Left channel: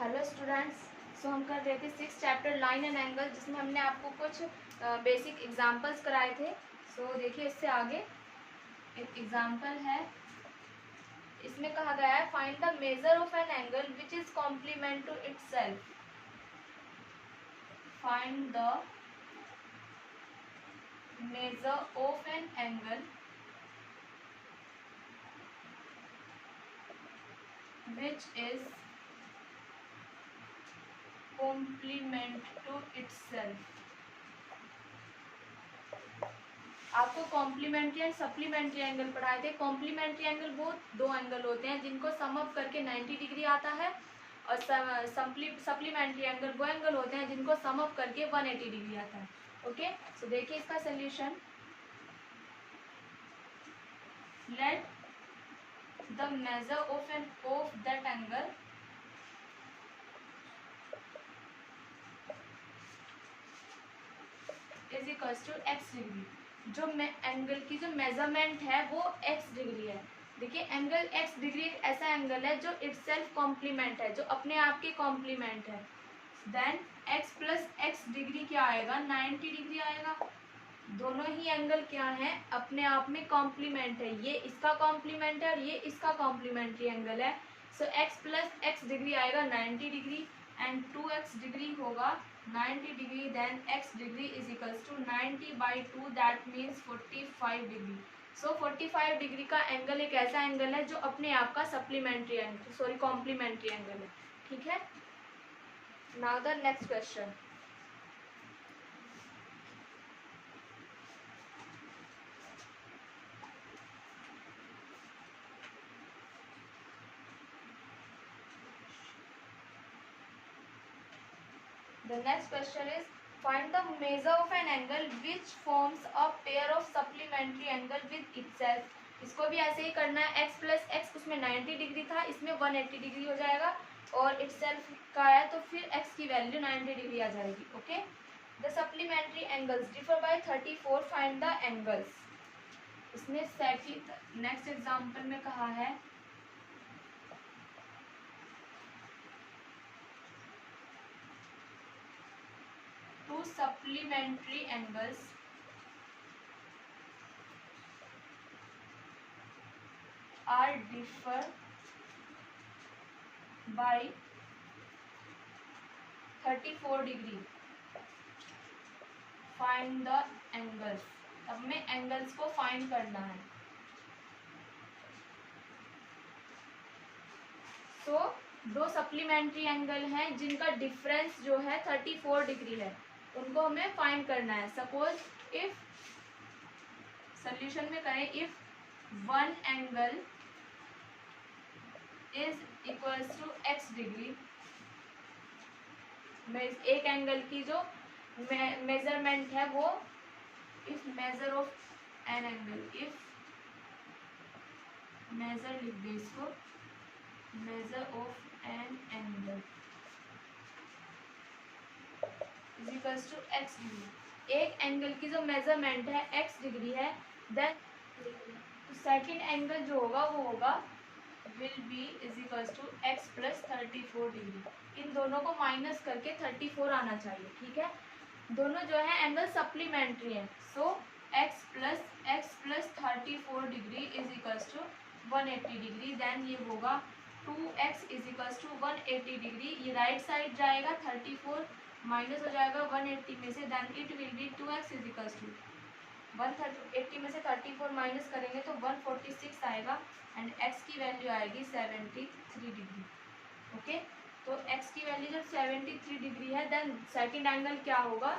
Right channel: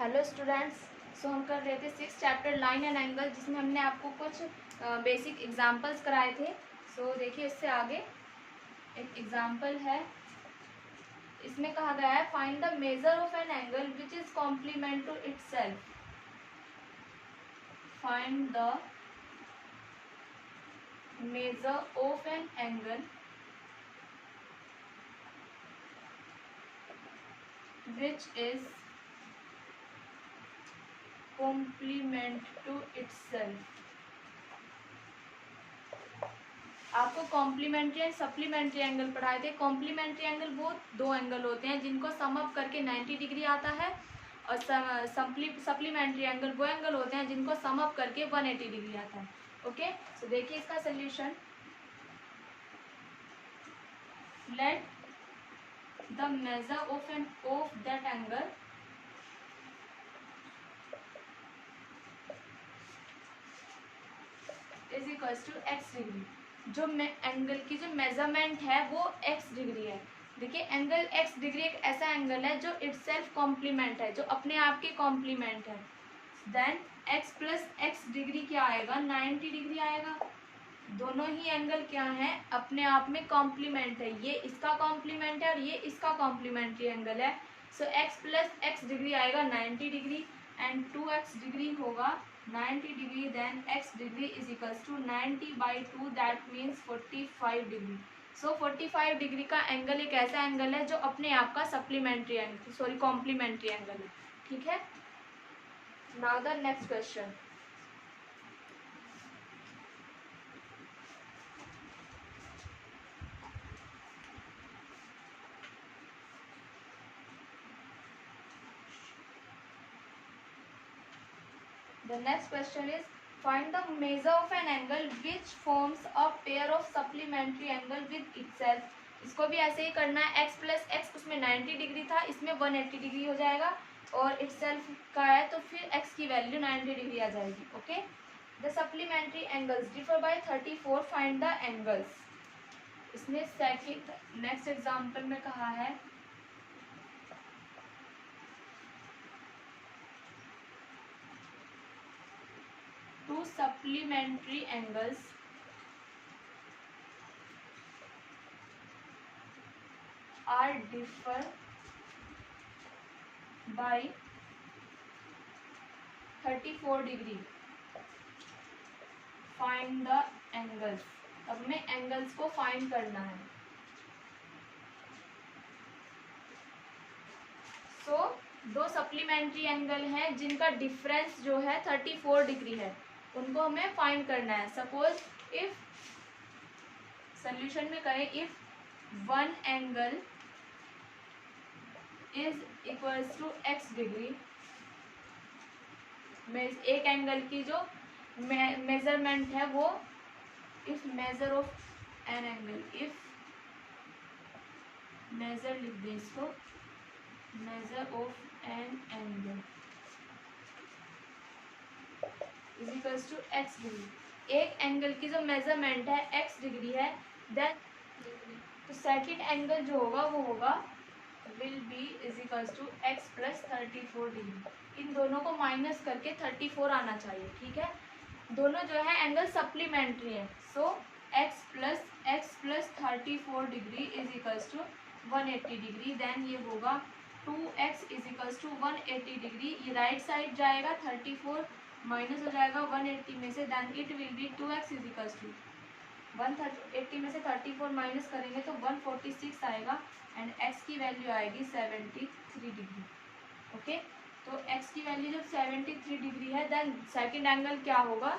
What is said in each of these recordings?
Hello students. सो हम कर रहे थे 6 चैप्टर लाइन एंड एंगल, जिसमें हमने आपको कुछ बेसिक एग्जांपल्स कराए थे। सो देखिए, इससे आगे एक एग्जांपल है। इसमें कहा गया है find the measure of an angle which is complement to itself. Find the measure of an angle which is complement to itself. आपको कॉम्प्लीमेंट्री एंड सप्लीमेंट्री एंगल पढ़ाए थे। कॉम्प्लीमेंट्री एंगल वो दो एंगल होते हैं जिनको सम अप करके 90 degree आता है, और सप्लीमेंट्री एंगल वो एंगल होते हैं जिनको सम अप करके 180 डिग्री आता है। ओके, सो देखिए इसका solution. Let the measure of that angle is equals to x degree. जो एंगल की जो मेजरमेंट है वो x डिग्री है। देखिए, एंगल x डिग्री एक ऐसा एंगल है जो इटसेल्फ कॉम्प्लीमेंट है, जो अपने आप की कॉम्प्लीमेंट है। Then x plus x degree क्या आएगा, 90 डिग्री आएगा। दोनों ही एंगल क्या है, अपने आप में कॉम्प्लीमेंट है। ये इसका कॉम्प्लीमेंट है और ये इसका कॉम्प्लीमेंट्री एंगल है। So x plus x degree आएगा 90 डिग्री एंड 2x डिग्री होगा 90 degree. Then x degree is equals to 90/2, that means 45 degree. So 45 degree का एंगल एक ऐसा एंगल है जो अपने आप का supplementary angle, sorry complementary angle है। ठीक है, now the next question. The next question is find the measure of an angle which forms a pair of supplementary angle with itself. इसको भी ऐसे ही करना है। x प्लस एक्स, उसमें 90 degree था, इसमें 180 डिग्री हो जाएगा, और itself का है तो फिर x की वैल्यू 90 डिग्री आ जाएगी। Okay, the supplementary angles differ by 34, find the angles. इसमें सेकंड नेक्स्ट एग्जांपल में कहा है two supplementary angles are differ by 34 degree, find the angles. अब हमें एंगल्स को फाइंड करना है। सो दो सप्लीमेंट्री एंगल हैं जिनका डिफरेंस जो है 34 डिग्री है, उनको हमें फाइंड करना है। सपोज इफ सोल्यूशन में करें, if one angle is equals to x degree, एक एंगल की जो मेजरमेंट है वो, if measure of an angle, if measure लिख दे इसको, measure of an angle is equals to x degree. एक एंगल की जो मेजरमेंट है x डिग्री है, देन तो सेकंड एंगल जो होगा वो होगा will be is equals to x plus 34 degree. इन दोनों को माइनस करके 34 आना चाहिए। ठीक है, दोनों जो है एंगल सप्लीमेंट्री है। So x plus 34 degree is equals to 180 degree. Then ये होगा 2x is equals to 180 degree. ये राइट साइड जाएगा, 34 माइनस हो जाएगा 180 में से, then it will be 2x is equals to 180 में से 34 माइनस करेंगे तो 146 आएगा, एंड x की वैल्यू आएगी 73 डिग्री। ओके, तो x की वैल्यू जब 73 डिग्री है, देन सेकंड एंगल क्या होगा,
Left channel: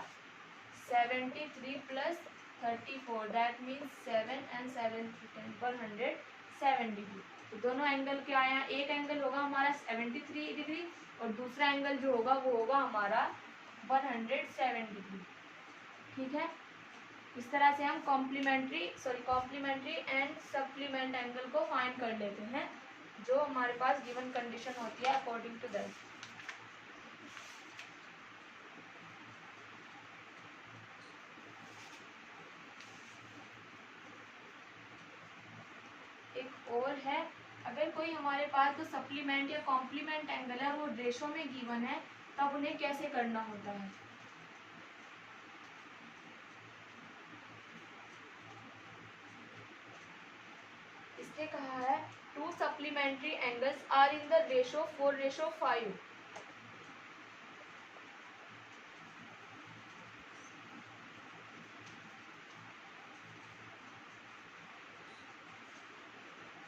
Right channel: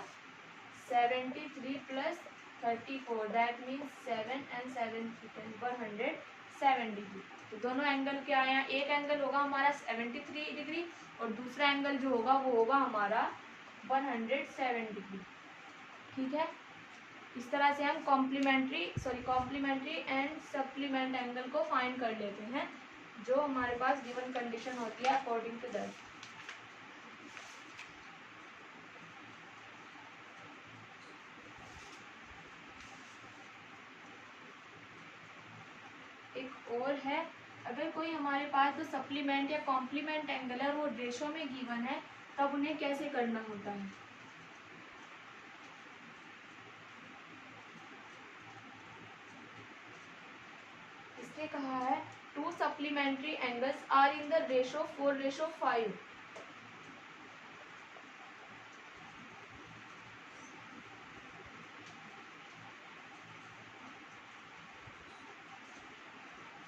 73 plus 34, that means 7 and 7 107 degree. तो दोनों एंगल क्या आया, एक एंगल होगा हमारा 73 डिग्री और दूसरा एंगल जो होगा वो होगा हमारा 107 डिग्री। ठीक है, इस तरह से हम कॉम्प्लीमेंट्री एंड सप्लीमेंट एंगल को फाइंड कर लेते हैं, जो हमारे पास गिवन कंडीशन होती है अकॉर्डिंग टू दैट। एक और है, अगर कोई हमारे पास जो सप्लीमेंट या कॉम्प्लीमेंट एंगल है वो रेशो में गिवन है, तब उन्हें कैसे करना होता है। इसने कहा है two supplementary angles are in the ratio 4:5।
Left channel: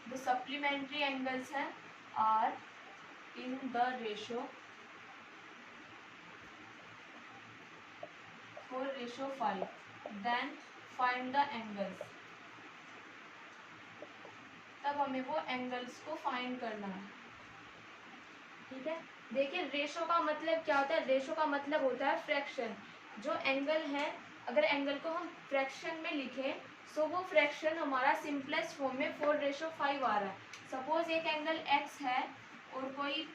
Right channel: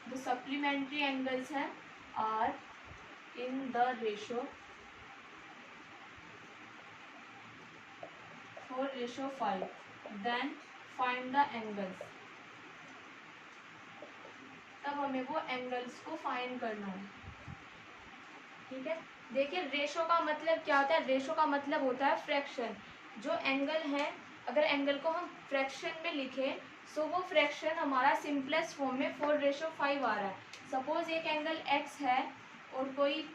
जो सप्लीमेंट्री एंगल्स हैं are in the ratio 4:5, then find the angles. तब हमें वो एंगल्स को फाइंड करना है। ठीक है, देखिए रेशो का मतलब क्या होता है। रेशो का मतलब होता है फ्रैक्शन। जो एंगल है, अगर एंगल को हम फ्रैक्शन में लिखें सो वो फ्रैक्शन हमारा सिंपलेस्ट फॉर्म में 4:5 आ रहा है। सपोज एक एंगल x है और कोई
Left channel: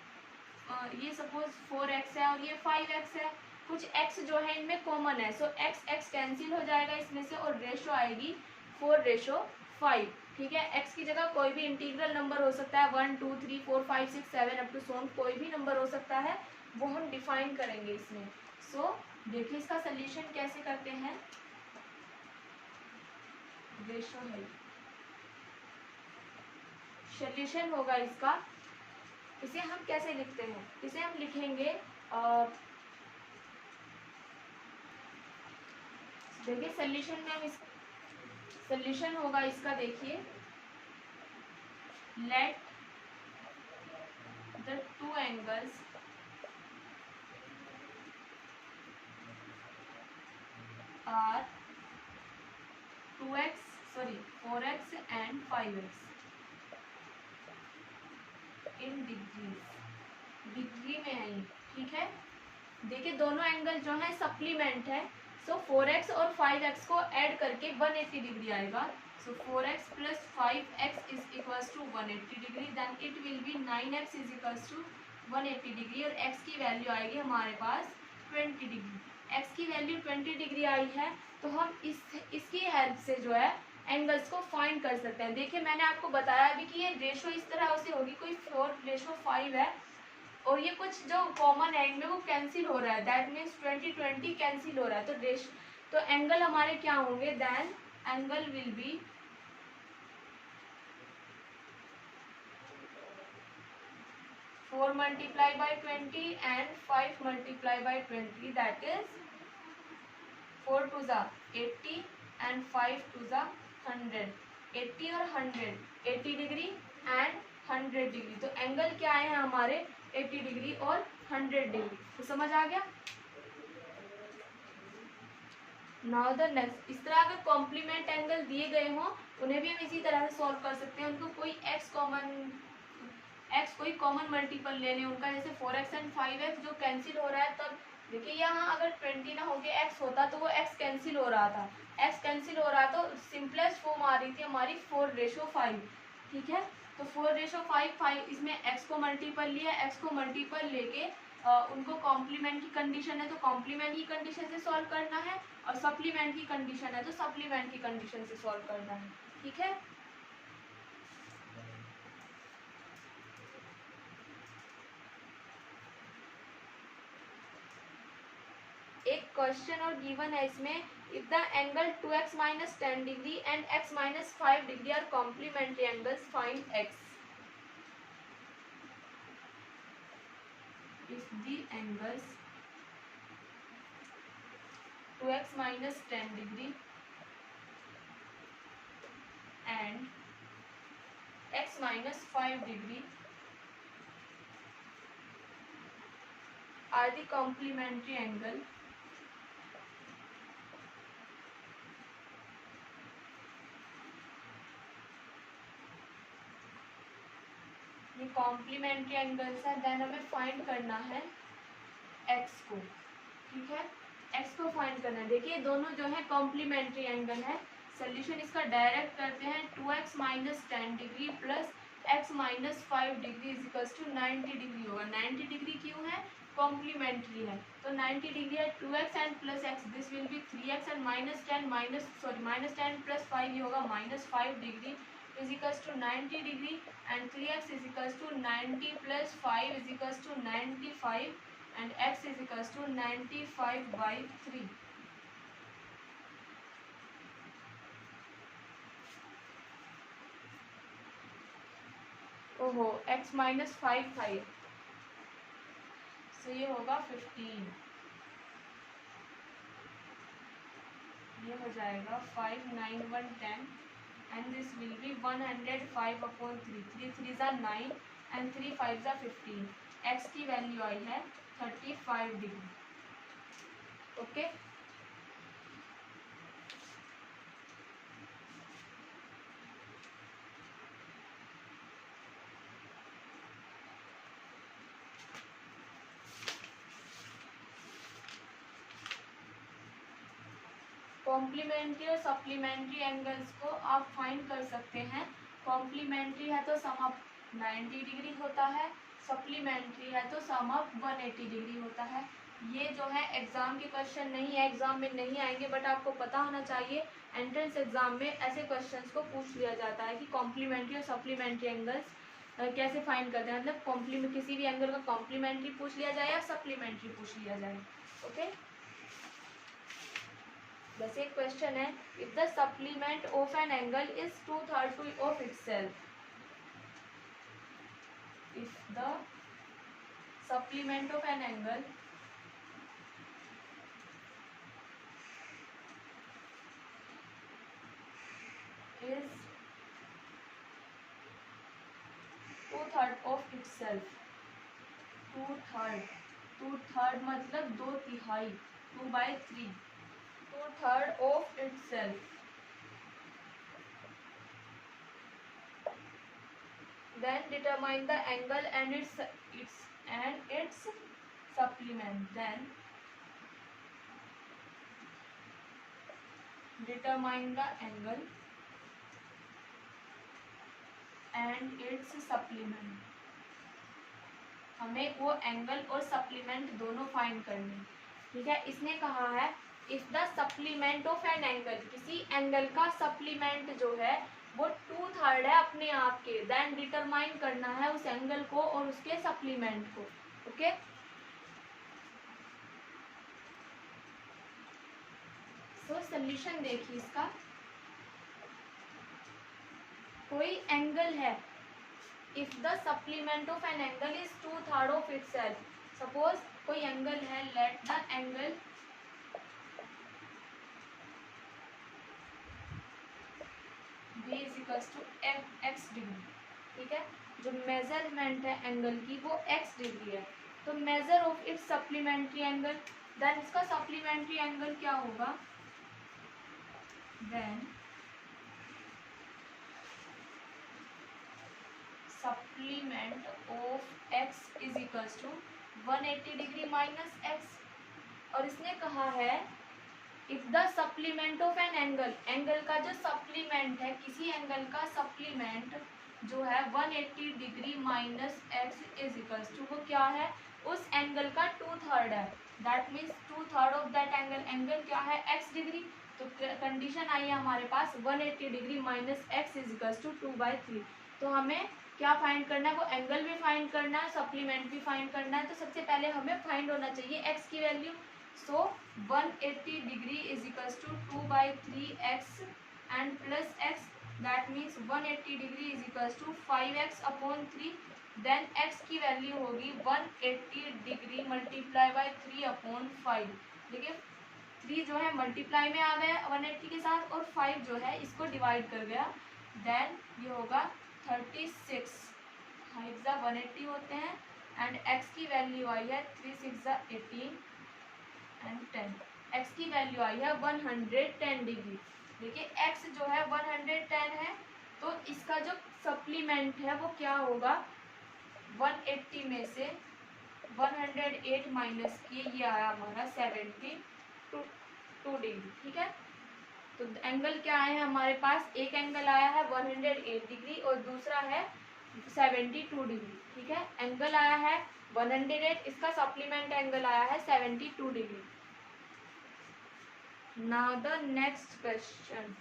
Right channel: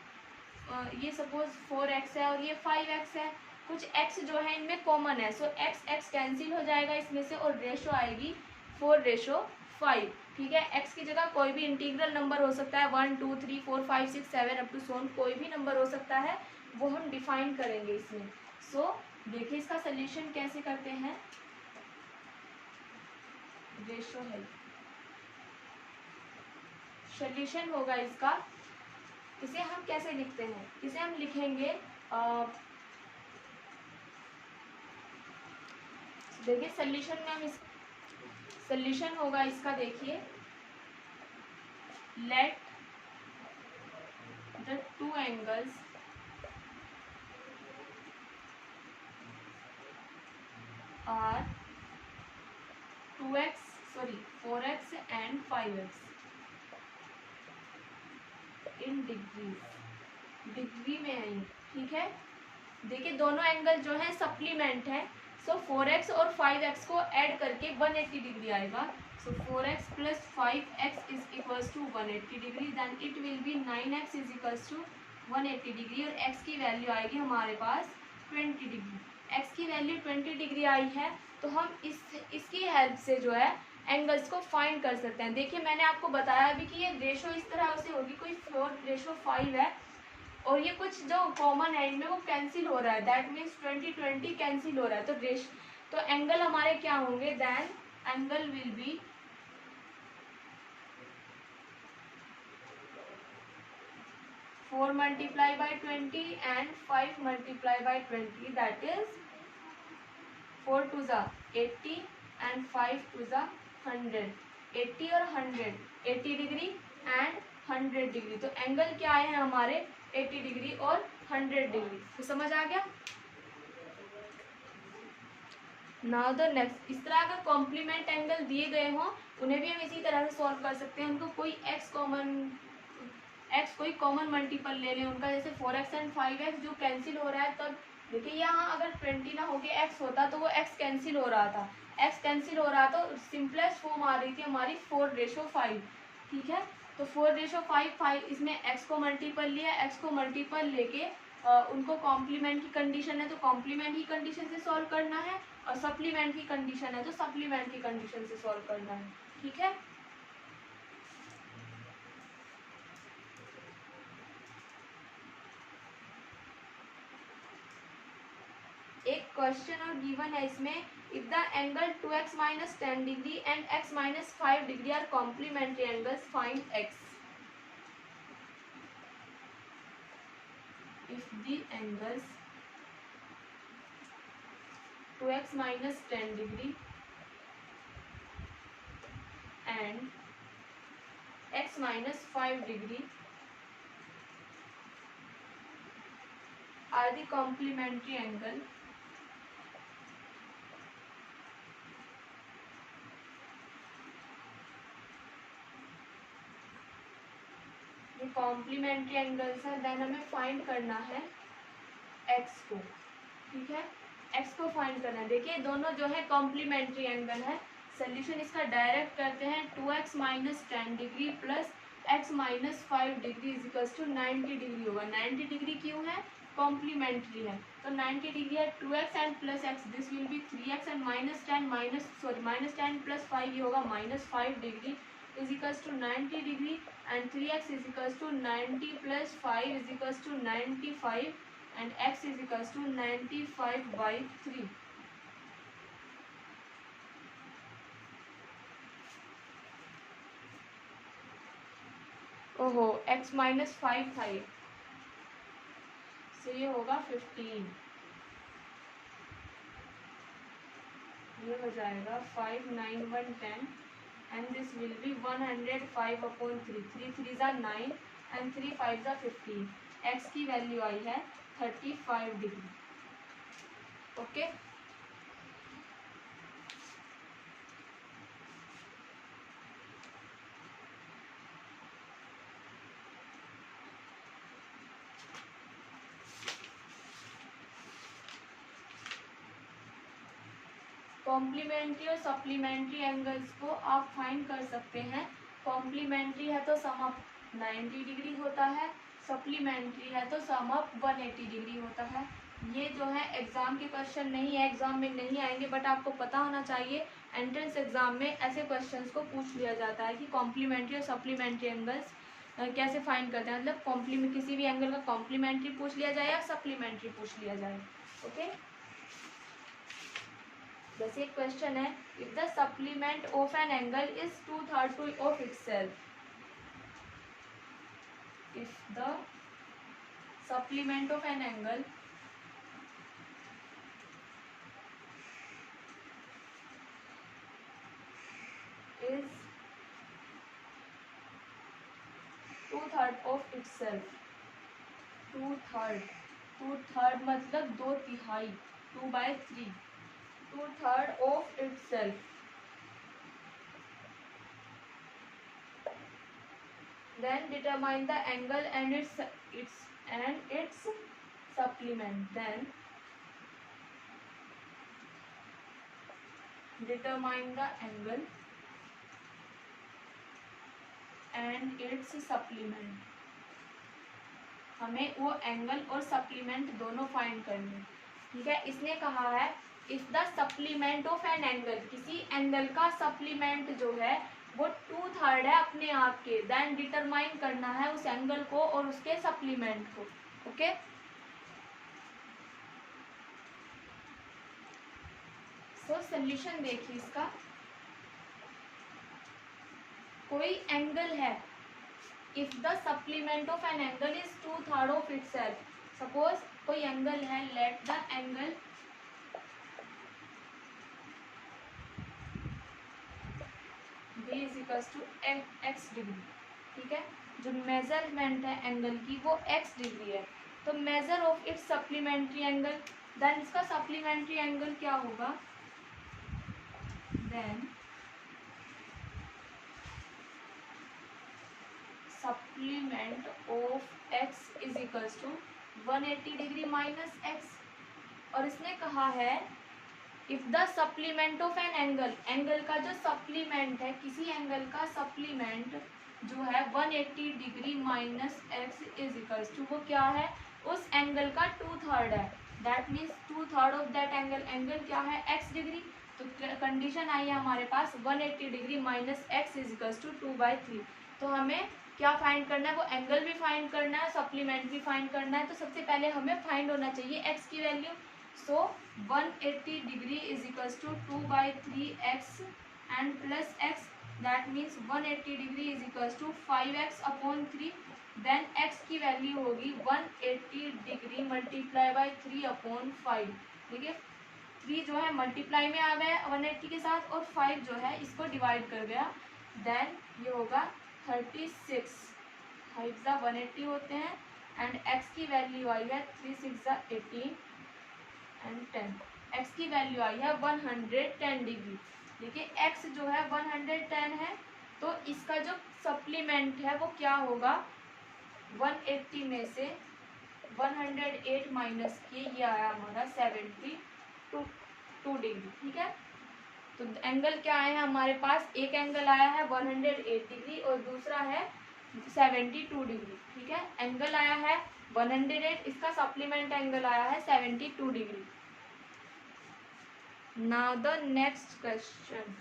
ये सपोज 4x है और ये 5x है। कुछ x जो है इनमें कॉमन है, सो x कैंसिल हो जाएगा इसमें से और रेशो आएगी 4:5। ठीक है, x की जगह कोई भी इंटीग्रल नंबर हो सकता है, 1 2 3 4 5 6 7 अप टू सोन, कोई भी नंबर हो सकता है, वो हम डिफाइन करेंगे इसमें। सो देखिए इसका सोल्यूशन कैसे करते हैं। रेशो है, सोल्यूशन होगा इसका। इसे हम कैसे लिखते हैं, इसे हम लिखेंगे देखिए सोल्यूशन में हम सोल्यूशन होगा इसका। देखिए let the two angles are 4x and 5x in degree में है। ठीक है, देखिए दोनों एंगल जो है सप्लीमेंट है, सो 4x और 5x को ऐड करके 180 डिग्री आएगा। So 4x plus 5x is equals to 180 degree, then it will be 9x is equals to 180 degree और x की वैल्यू आएगी हमारे पास 20 डिग्री। x की वैल्यू 20 डिग्री आई है, तो हम इसकी हेल्प से जो है एंगल्स को फाइंड कर सकते हैं। देखिए मैंने आपको बताया अभी कि ये रेशो इस तरह से होगी, कोई 4:5 है और ये कुछ जो कॉमन है इनमें वो कैंसिल हो रहा है, दैट मीन्स 20 कैंसिल हो रहा है। तो एंगल हमारे क्या होंगे, then angle will be 4 multiplied by 20 and 5 multiplied by 20, that is 4 to the 80 and 5 to the 100। 80 और 100, 80 डिग्री एंड 100 डिग्री। तो एंगल क्या आए हैं हमारे 80 डिग्री और 100 डिग्री। तो समझ आ गया। नाउ द नेक्स्ट, इस तरह अगर कॉम्प्लीमेंट एंगल दिए गए हों उन्हें भी हम इसी तरह से सॉल्व कर सकते हैं। उनको कोई कोई कॉमन मल्टीपल ले लें उनका, जैसे 4x एंड 5x जो कैंसिल हो रहा है। तब देखिए यहाँ अगर 20 ना होके x होता तो वो x कैंसिल हो रहा था, x कैंसिल हो रहा तो सिंपलेस्ट फॉर्म आ रही थी हमारी 4:5। ठीक है, तो 4:5 इसमें x को मल्टीपल लिया, x को मल्टीपल लेके उनको कॉम्प्लीमेंट की कंडीशन है तो कॉम्प्लीमेंट की कंडीशन से सॉल्व करना है, और सप्लीमेंट की कंडीशन है तो सप्लीमेंट की कंडीशन से सॉल्व करना है। ठीक है, एक क्वेश्चन और गिवन है इसमें, if the angle 2x minus 10 degree and x minus 5 degree are complementary angles, find x। If the angles 2x minus 10 degree and x minus 5 degree are the complementary angle, ये complementary angles है, then हमें find करना है x को। ठीक है, x को find करना है। देखिए दोनों जो है कॉम्प्लीमेंट्री एंगल है। सोल्यूशन इसका डायरेक्ट करते हैं, 2x minus 10 degree plus x minus 5 degree is equal to 90 degree होगा। 90 डिग्री क्यों है, कॉम्प्लीमेंट्री है तो 90 डिग्री है 2x and plus x, this will be 3x and -10 plus 5 ये होगा -5 degree is equals to 90 degree and 3x is equals to 90 plus 5 is equals to 95 and x is equals to 95 by 3. ओहो x minus 5 था ये, so ये होगा 15, ये हो जाएगा 5 9 1 10 and this will be 105 upon 3, 3 3s are 9 and 3 5s are 15. x की value आई है 35 डिग्री. ओके कॉम्प्लीमेंट्री और सप्लीमेंट्री एंगल्स को आप फाइंड कर सकते हैं. कॉम्प्लीमेंट्री है तो सम अप 90 डिग्री होता है, सप्लीमेंट्री है तो सम अप 180 डिग्री होता है. ये जो है एग्जाम के क्वेश्चन नहीं है, एग्जाम में नहीं आएंगे, बट आपको पता होना चाहिए एंट्रेंस एग्जाम में ऐसे क्वेश्चंस को पूछ लिया जाता है कि कॉम्प्लीमेंट्री और सप्लीमेंट्री एंगल्स कैसे फाइंड करते हैं. मतलब कॉम्प्लीमेंट किसी भी एंगल का कॉम्प्लीमेंट्री पूछ लिया जाए या सप्लीमेंट्री पूछ लिया जाए. ओके जैसे एक क्वेश्चन है, if the supplement of an angle is 2/3 of itself, if the supplement of an angle is 2/3 of itself, 2/3 मतलब 2/3, 2/3, 2/3 of itself, then determine the angle and its supplement, then determine the angle and its supplement. हमें वो angle और supplement दोनों find करने. ठीक है, इसने कहा है if the supplement of an angle, किसी एंगल का सप्लीमेंट जो है वो 2/3 है अपने आप के, देन डिटरमाइन करना है उस एंगल को और उसके सप्लीमेंट को. ओके सो सॉल्यूशन देखिए इसका. कोई एंगल है, if the supplement of an angle is 2/3 of itself, suppose कोई एंगल है, let the angle b is equals to x degree. ठीक है, जो मेजरमेंट है एंगल की वो x डिग्री है, तो measure of its supplementary angle, then इसका सप्लीमेंट्री एंगल क्या होगा, then supplement of x is equals to 180 degree minus x. और इसने कहा है if the supplement of an angle, angle का जो सप्लीमेंट है, किसी एंगल का सप्लीमेंट जो है 180 degree minus x is equals to, वो क्या है, उस एंगल का 2/3 है, that means 2/3 of that angle, angle क्या है x डिग्री. तो कंडीशन आई है हमारे पास 180 degree minus x is equals to 2/3. तो हमें क्या फाइंड करना है, वो एंगल भी फाइंड करना है, सप्लीमेंट भी फाइंड करना है. तो सबसे पहले हमें फाइंड होना चाहिए x की value. So 180 degree is equals to 2/3x and plus x, that means 180 degree is equals to 5x upon 3. Then x की वैल्यू होगी 180 डिग्री मल्टीप्लाई बाई 3 अपॉन 5. देखिए 3 जो है मल्टीप्लाई में आ गया 180 के साथ और 5 जो है इसको डिवाइड कर गया, देन ये होगा 36. 5 180 होते हैं एंड x की वैल्यू आई है 3 6 18 एंड 10. x की वैल्यू आई है 110 डिग्री. देखिए x जो है 110 है, तो इसका जो सप्लीमेंट है वो क्या होगा, 180 में से 108 माइनस किए, ये आया हमारा 72 डिग्री. ठीक है, तो एंगल क्या आया है हमारे पास, एक एंगल आया है 108 डिग्री और दूसरा है 72 डिग्री. ठीक है, एंगल आया है 108, इसका सप्लीमेंट एंगल आया है 72 degree. Now the next question,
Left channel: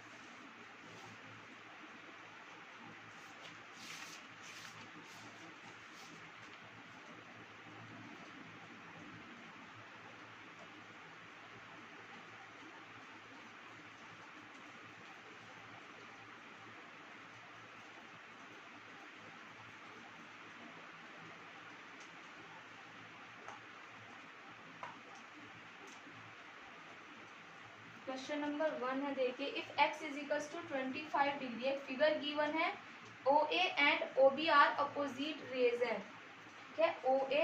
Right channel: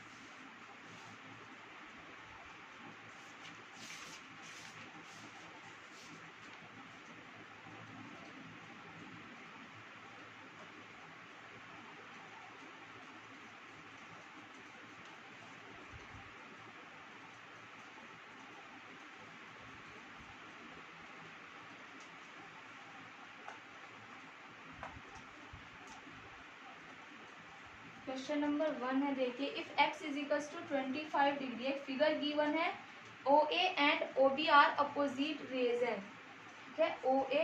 question number 1 है, देखिए if x is equals to 25 degree, एक फिगर गिवन है OA and OB are opposite rays है, ठीक है, OA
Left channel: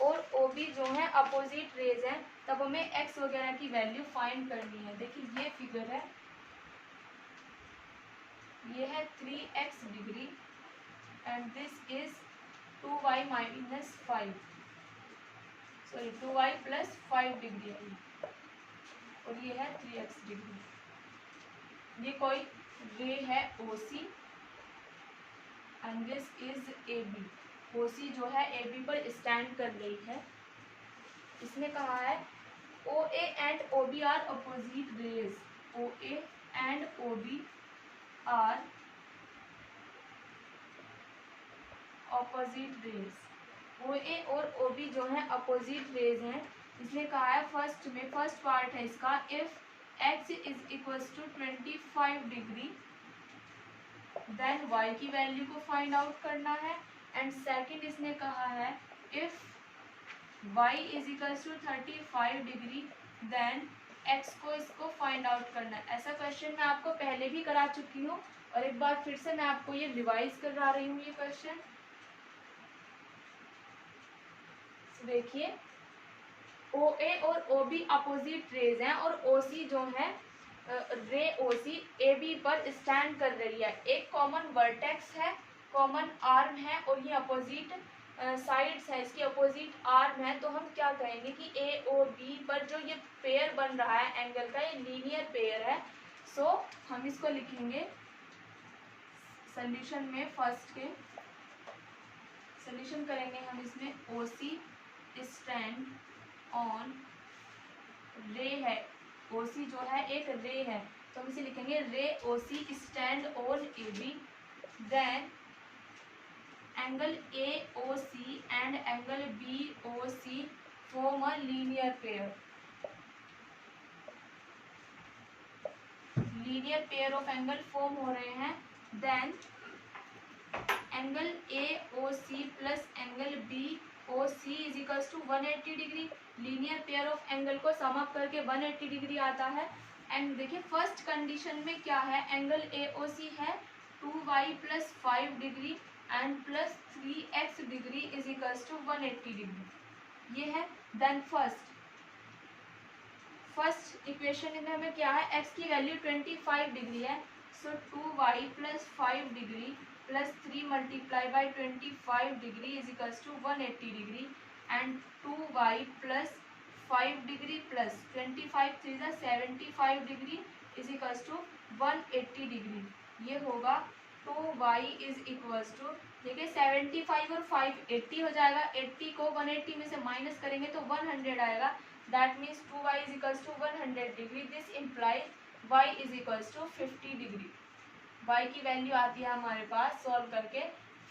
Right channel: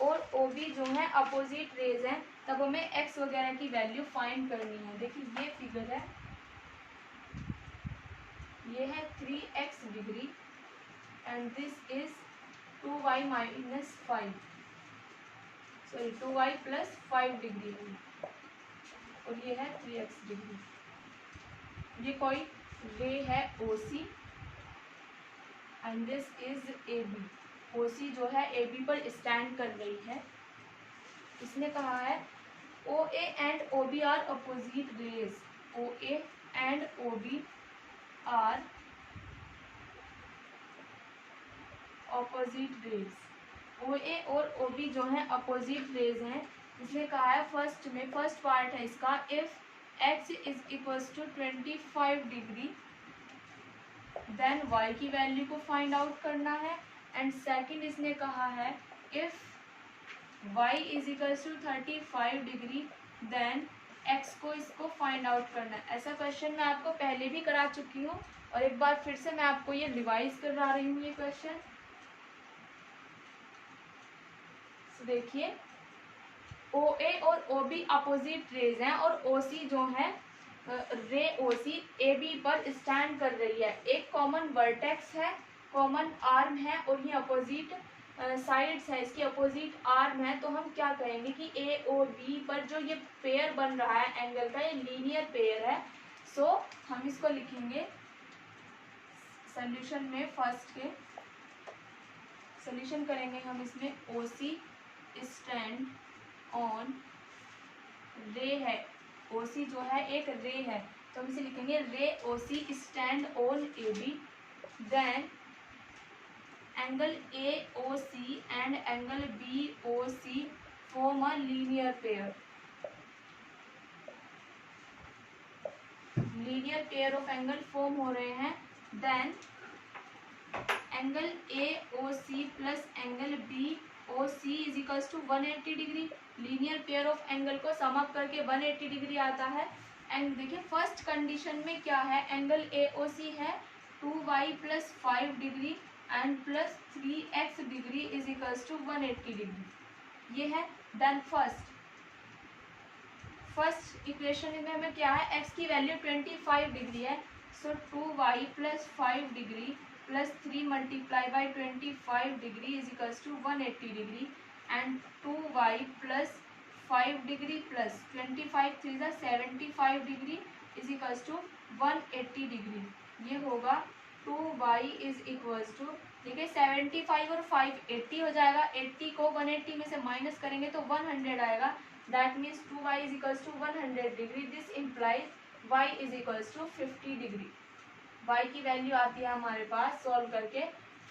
और OB जो है अपोजिट रेज है, तब हमें x वगैरह की वैल्यू फाइंड करनी है। देखिए ये फिगर है, ये है 3x degree and this is 2y minus 5, sorry 2y plus 5 degree है, और ये है 3x डिग्री। ये कोई रे है OC and this is AB। OC जो है AB पर स्टैंड कर रही है। इसने कहा है OA and OB are opposite rays, OA and OB are opposite rays, OA और OB जो है अपोजिट रेज हैं। इसने कहा है फर्स्ट पार्ट है इसका, if x is equals to 25 degree then y की वैल्यू को फाइंड आउट करना है, एंड सेकंड इसने कहा है if y is equals to 35 degree then x को इसको फाइंड आउट करना है। ऐसा क्वेश्चन मैं आपको पहले भी करा चुकी हूँ और एक बार फिर से मैं आपको ये रिवाइज करा रही हूँ ये क्वेश्चन। देखिए OA और OB अपोजिट रेज हैं और OC जो है रे OC AB पर स्टैंड कर रही है। एक कॉमन वर्टेक्स है, कॉमन आर्म है और ये अपोजिट साइड्स है, इसकी अपोजिट आर्म है। तो हम क्या कहेंगे कि A और B पर जो ये पेयर बन रहा है एंगल का, ये लीनियर पेयर है। सो हम इसको लिखेंगे सोल्यूशन में, फर्स्ट के सोल्यूशन करेंगे हम इसमें OC स्टैंड ऑन रे है, OC जो है एक रे है, तो हम इसे लिखेंगे ray OC stand on AB, then angle AOC and angle BOC form a linear pair, linear pair of angle form हो रहे हैं। Then angle AOC plus angle BOC is equals to 180 degree. Linear pair of angle को sum up करके 180 degree आता है। And देखिए first condition में क्या है, एंगल AOC है 2y plus 5 degree and plus 3x degree is equals to 180 degree, ये है। देन फर्स्ट इक्वेशन में हमें क्या है, x की वैल्यू 25 डिग्री है, so 2y plus 5 degree plus 3 multiply by 25 degree is equals to 180 degree, and 2y plus 5 degree plus 25 3 ज़ा 75 degree is equals to 180 degree. ये होगा 2y इज इक्वल्स टू, देखिए 75 और 5 80 हो जाएगा, 80 को 180 में से माइनस करेंगे तो 100 आएगा। That means 2y is equals to 100 degree. This implies y is equals to 50 degree. y की वैल्यू आती है हमारे पास सॉल्व करके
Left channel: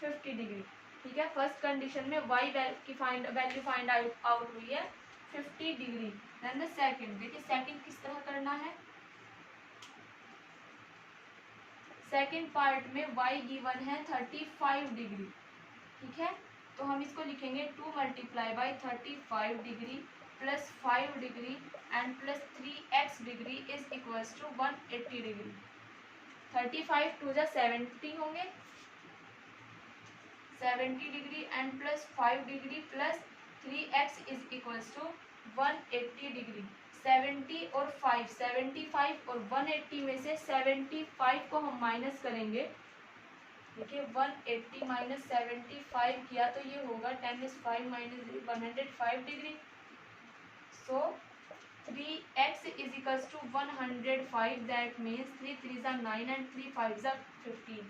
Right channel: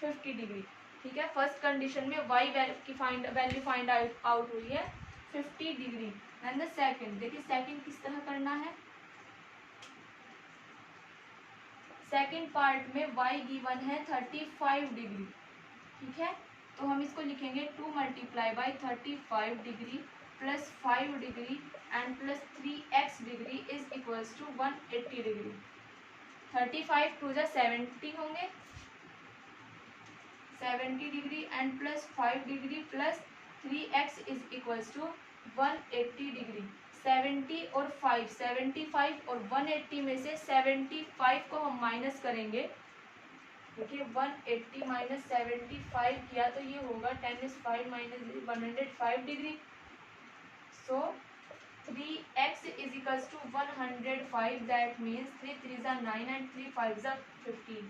50 डिग्री, ठीक है। फर्स्ट कंडीशन में y की वैल्यू फाइंड आउट हुई है 50 डिग्री। देन द सेकंड, देखिए सेकंड किस तरह करना है। सेकंड पार्ट में y गिवन है 35 डिग्री, ठीक है, तो हम इसको लिखेंगे 2 multiply by 35 degree plus 5 degree and plus 3x degree is equals to 180 degree. 35 two ज़ा 70 होंगे, 70 degree and plus 5 degree plus 3x is equals to 180 degree. 70 और 5, 75 और 180 में से 75 को हम माइनस करेंगे, देखिए 180 माइनस 75 किया तो ये होगा 10 minus 105 degree. So 3x is equals to 105, that means 3 3 ज़ा 9 एंड 3 5 ज़ा 15।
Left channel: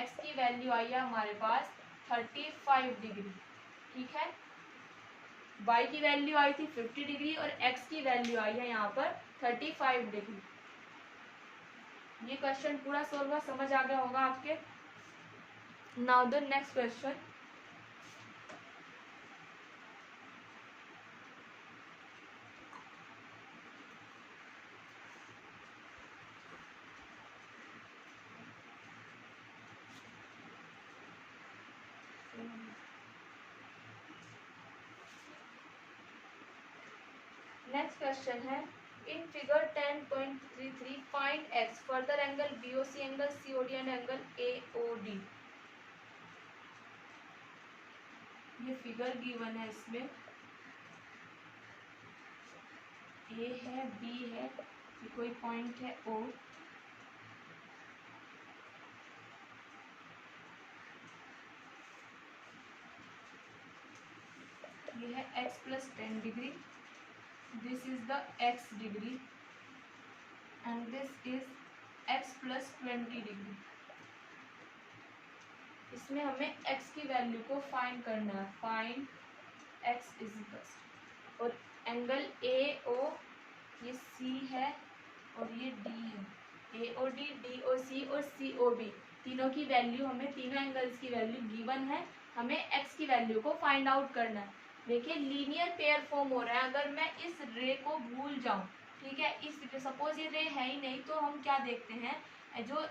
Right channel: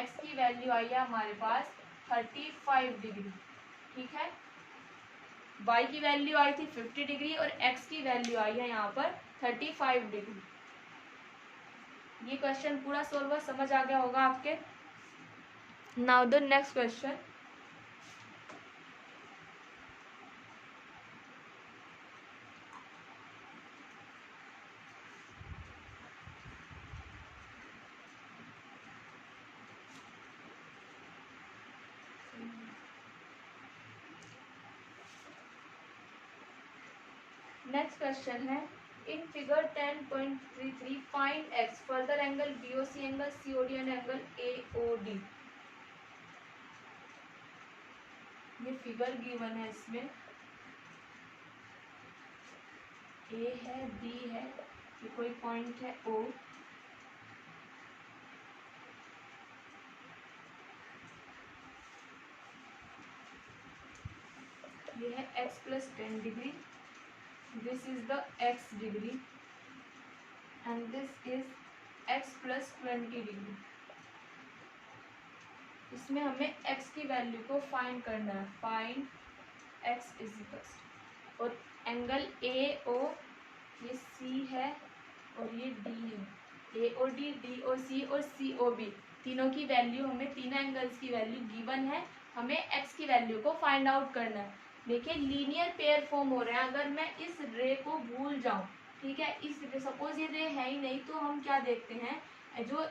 x की वैल्यू आई है हमारे पास 35 डिग्री, ठीक है। y की वैल्यू आई थी 50 डिग्री और x की वैल्यू आई है यहाँ पर 35 डिग्री। ये क्वेश्चन पूरा सोल्व हुआ, समझ आ गया होगा आपके। Now the next question, next question है in figure 10.33 find x further angle BOC angle COD and angle AOD. ये फिगर गिवन है, इसमें ए है, बी है, ये कोई पॉइंट है ओ, ये है x plus 10 degree, this is the x degree and this is x plus 20 degree. इसमें हमें x की वैल्यू को फाइंड करना है, फाइंड x इज इक्वल, और एंगल ए ओ ये C है और ये D है, ए O D, D O C और सी ओ बी, तीनों की वैल्यू हमें, तीनों एंगल्स की वैल्यू गिवन है, हमें x की वैल्यू को फाइंड आउट करना है। देखिए लीनियर पेयर फॉर्म हो रहा है, अगर मैं इस रे को भूल जाऊं, ठीक है, इस सपोज ये रे है ही नहीं, तो हम क्या देखते हैं, जो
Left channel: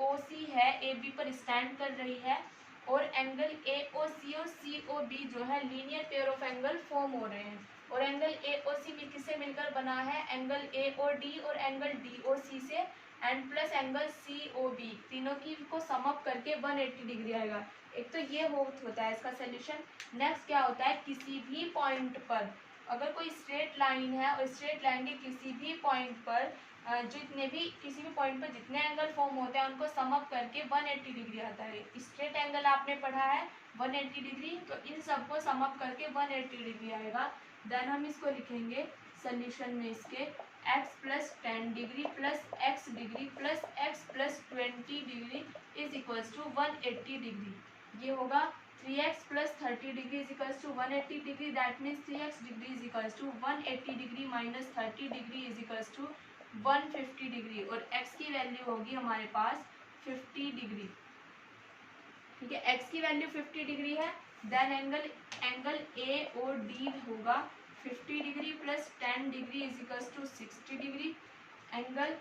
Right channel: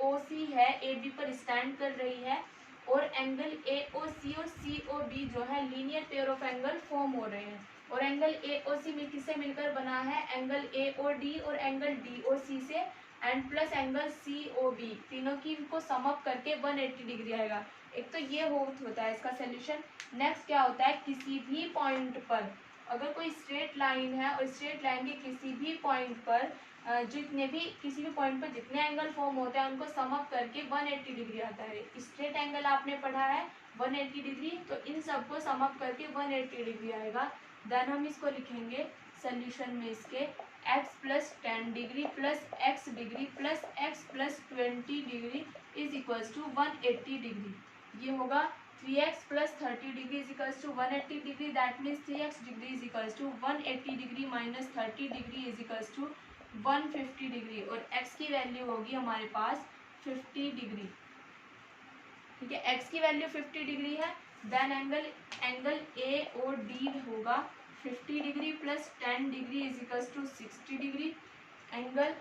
ओ सी है ए बी पर स्टैंड कर रही है, और एंगल ए ओ सी और सी ओ बी जो है linear pair of angle form हो रहे हैं, और एंगल ए ओ सी में किससे मिलकर बना है, एंगल ए ओ डी और एंगल डी ओ सी से, and plus angle C O B, तीनों की को सम अप करके 180 डिग्री आएगा। एक तो ये होता है इसका सोल्यूशन। नेक्स्ट क्या होता है, किसी भी पॉइंट पर अगर कोई स्ट्रेट लाइन है और स्ट्रेट लाइन के किसी भी पॉइंट पर जितने भी किसी भी पॉइंट पर जितने एंगल फॉर्म होते हैं उनको सम अप करके 180 डिग्री आता है। स्ट्रेट एंगल आपने पढ़ा है 180 डिग्री, तो इन सबको सम अप करके 180 डिग्री आएगा। देन हम इसको लिखेंगे सोल्यूशन में, इसके x plus 10 degree plus x degree plus x plus 20 degree is equals to 180 degree. ये होगा 3x plus 30 degree is equals to 180 degree, that means 3x degree is equals to 180 degree minus 30 degree is equals to 150 degree, और x की value होगी हमारे पास 50 degree. ठीक है, x की वैल्यू 50 डिग्री है, then angle A O D होगा 50 degree plus 10 degree is equals to 60 degree, angle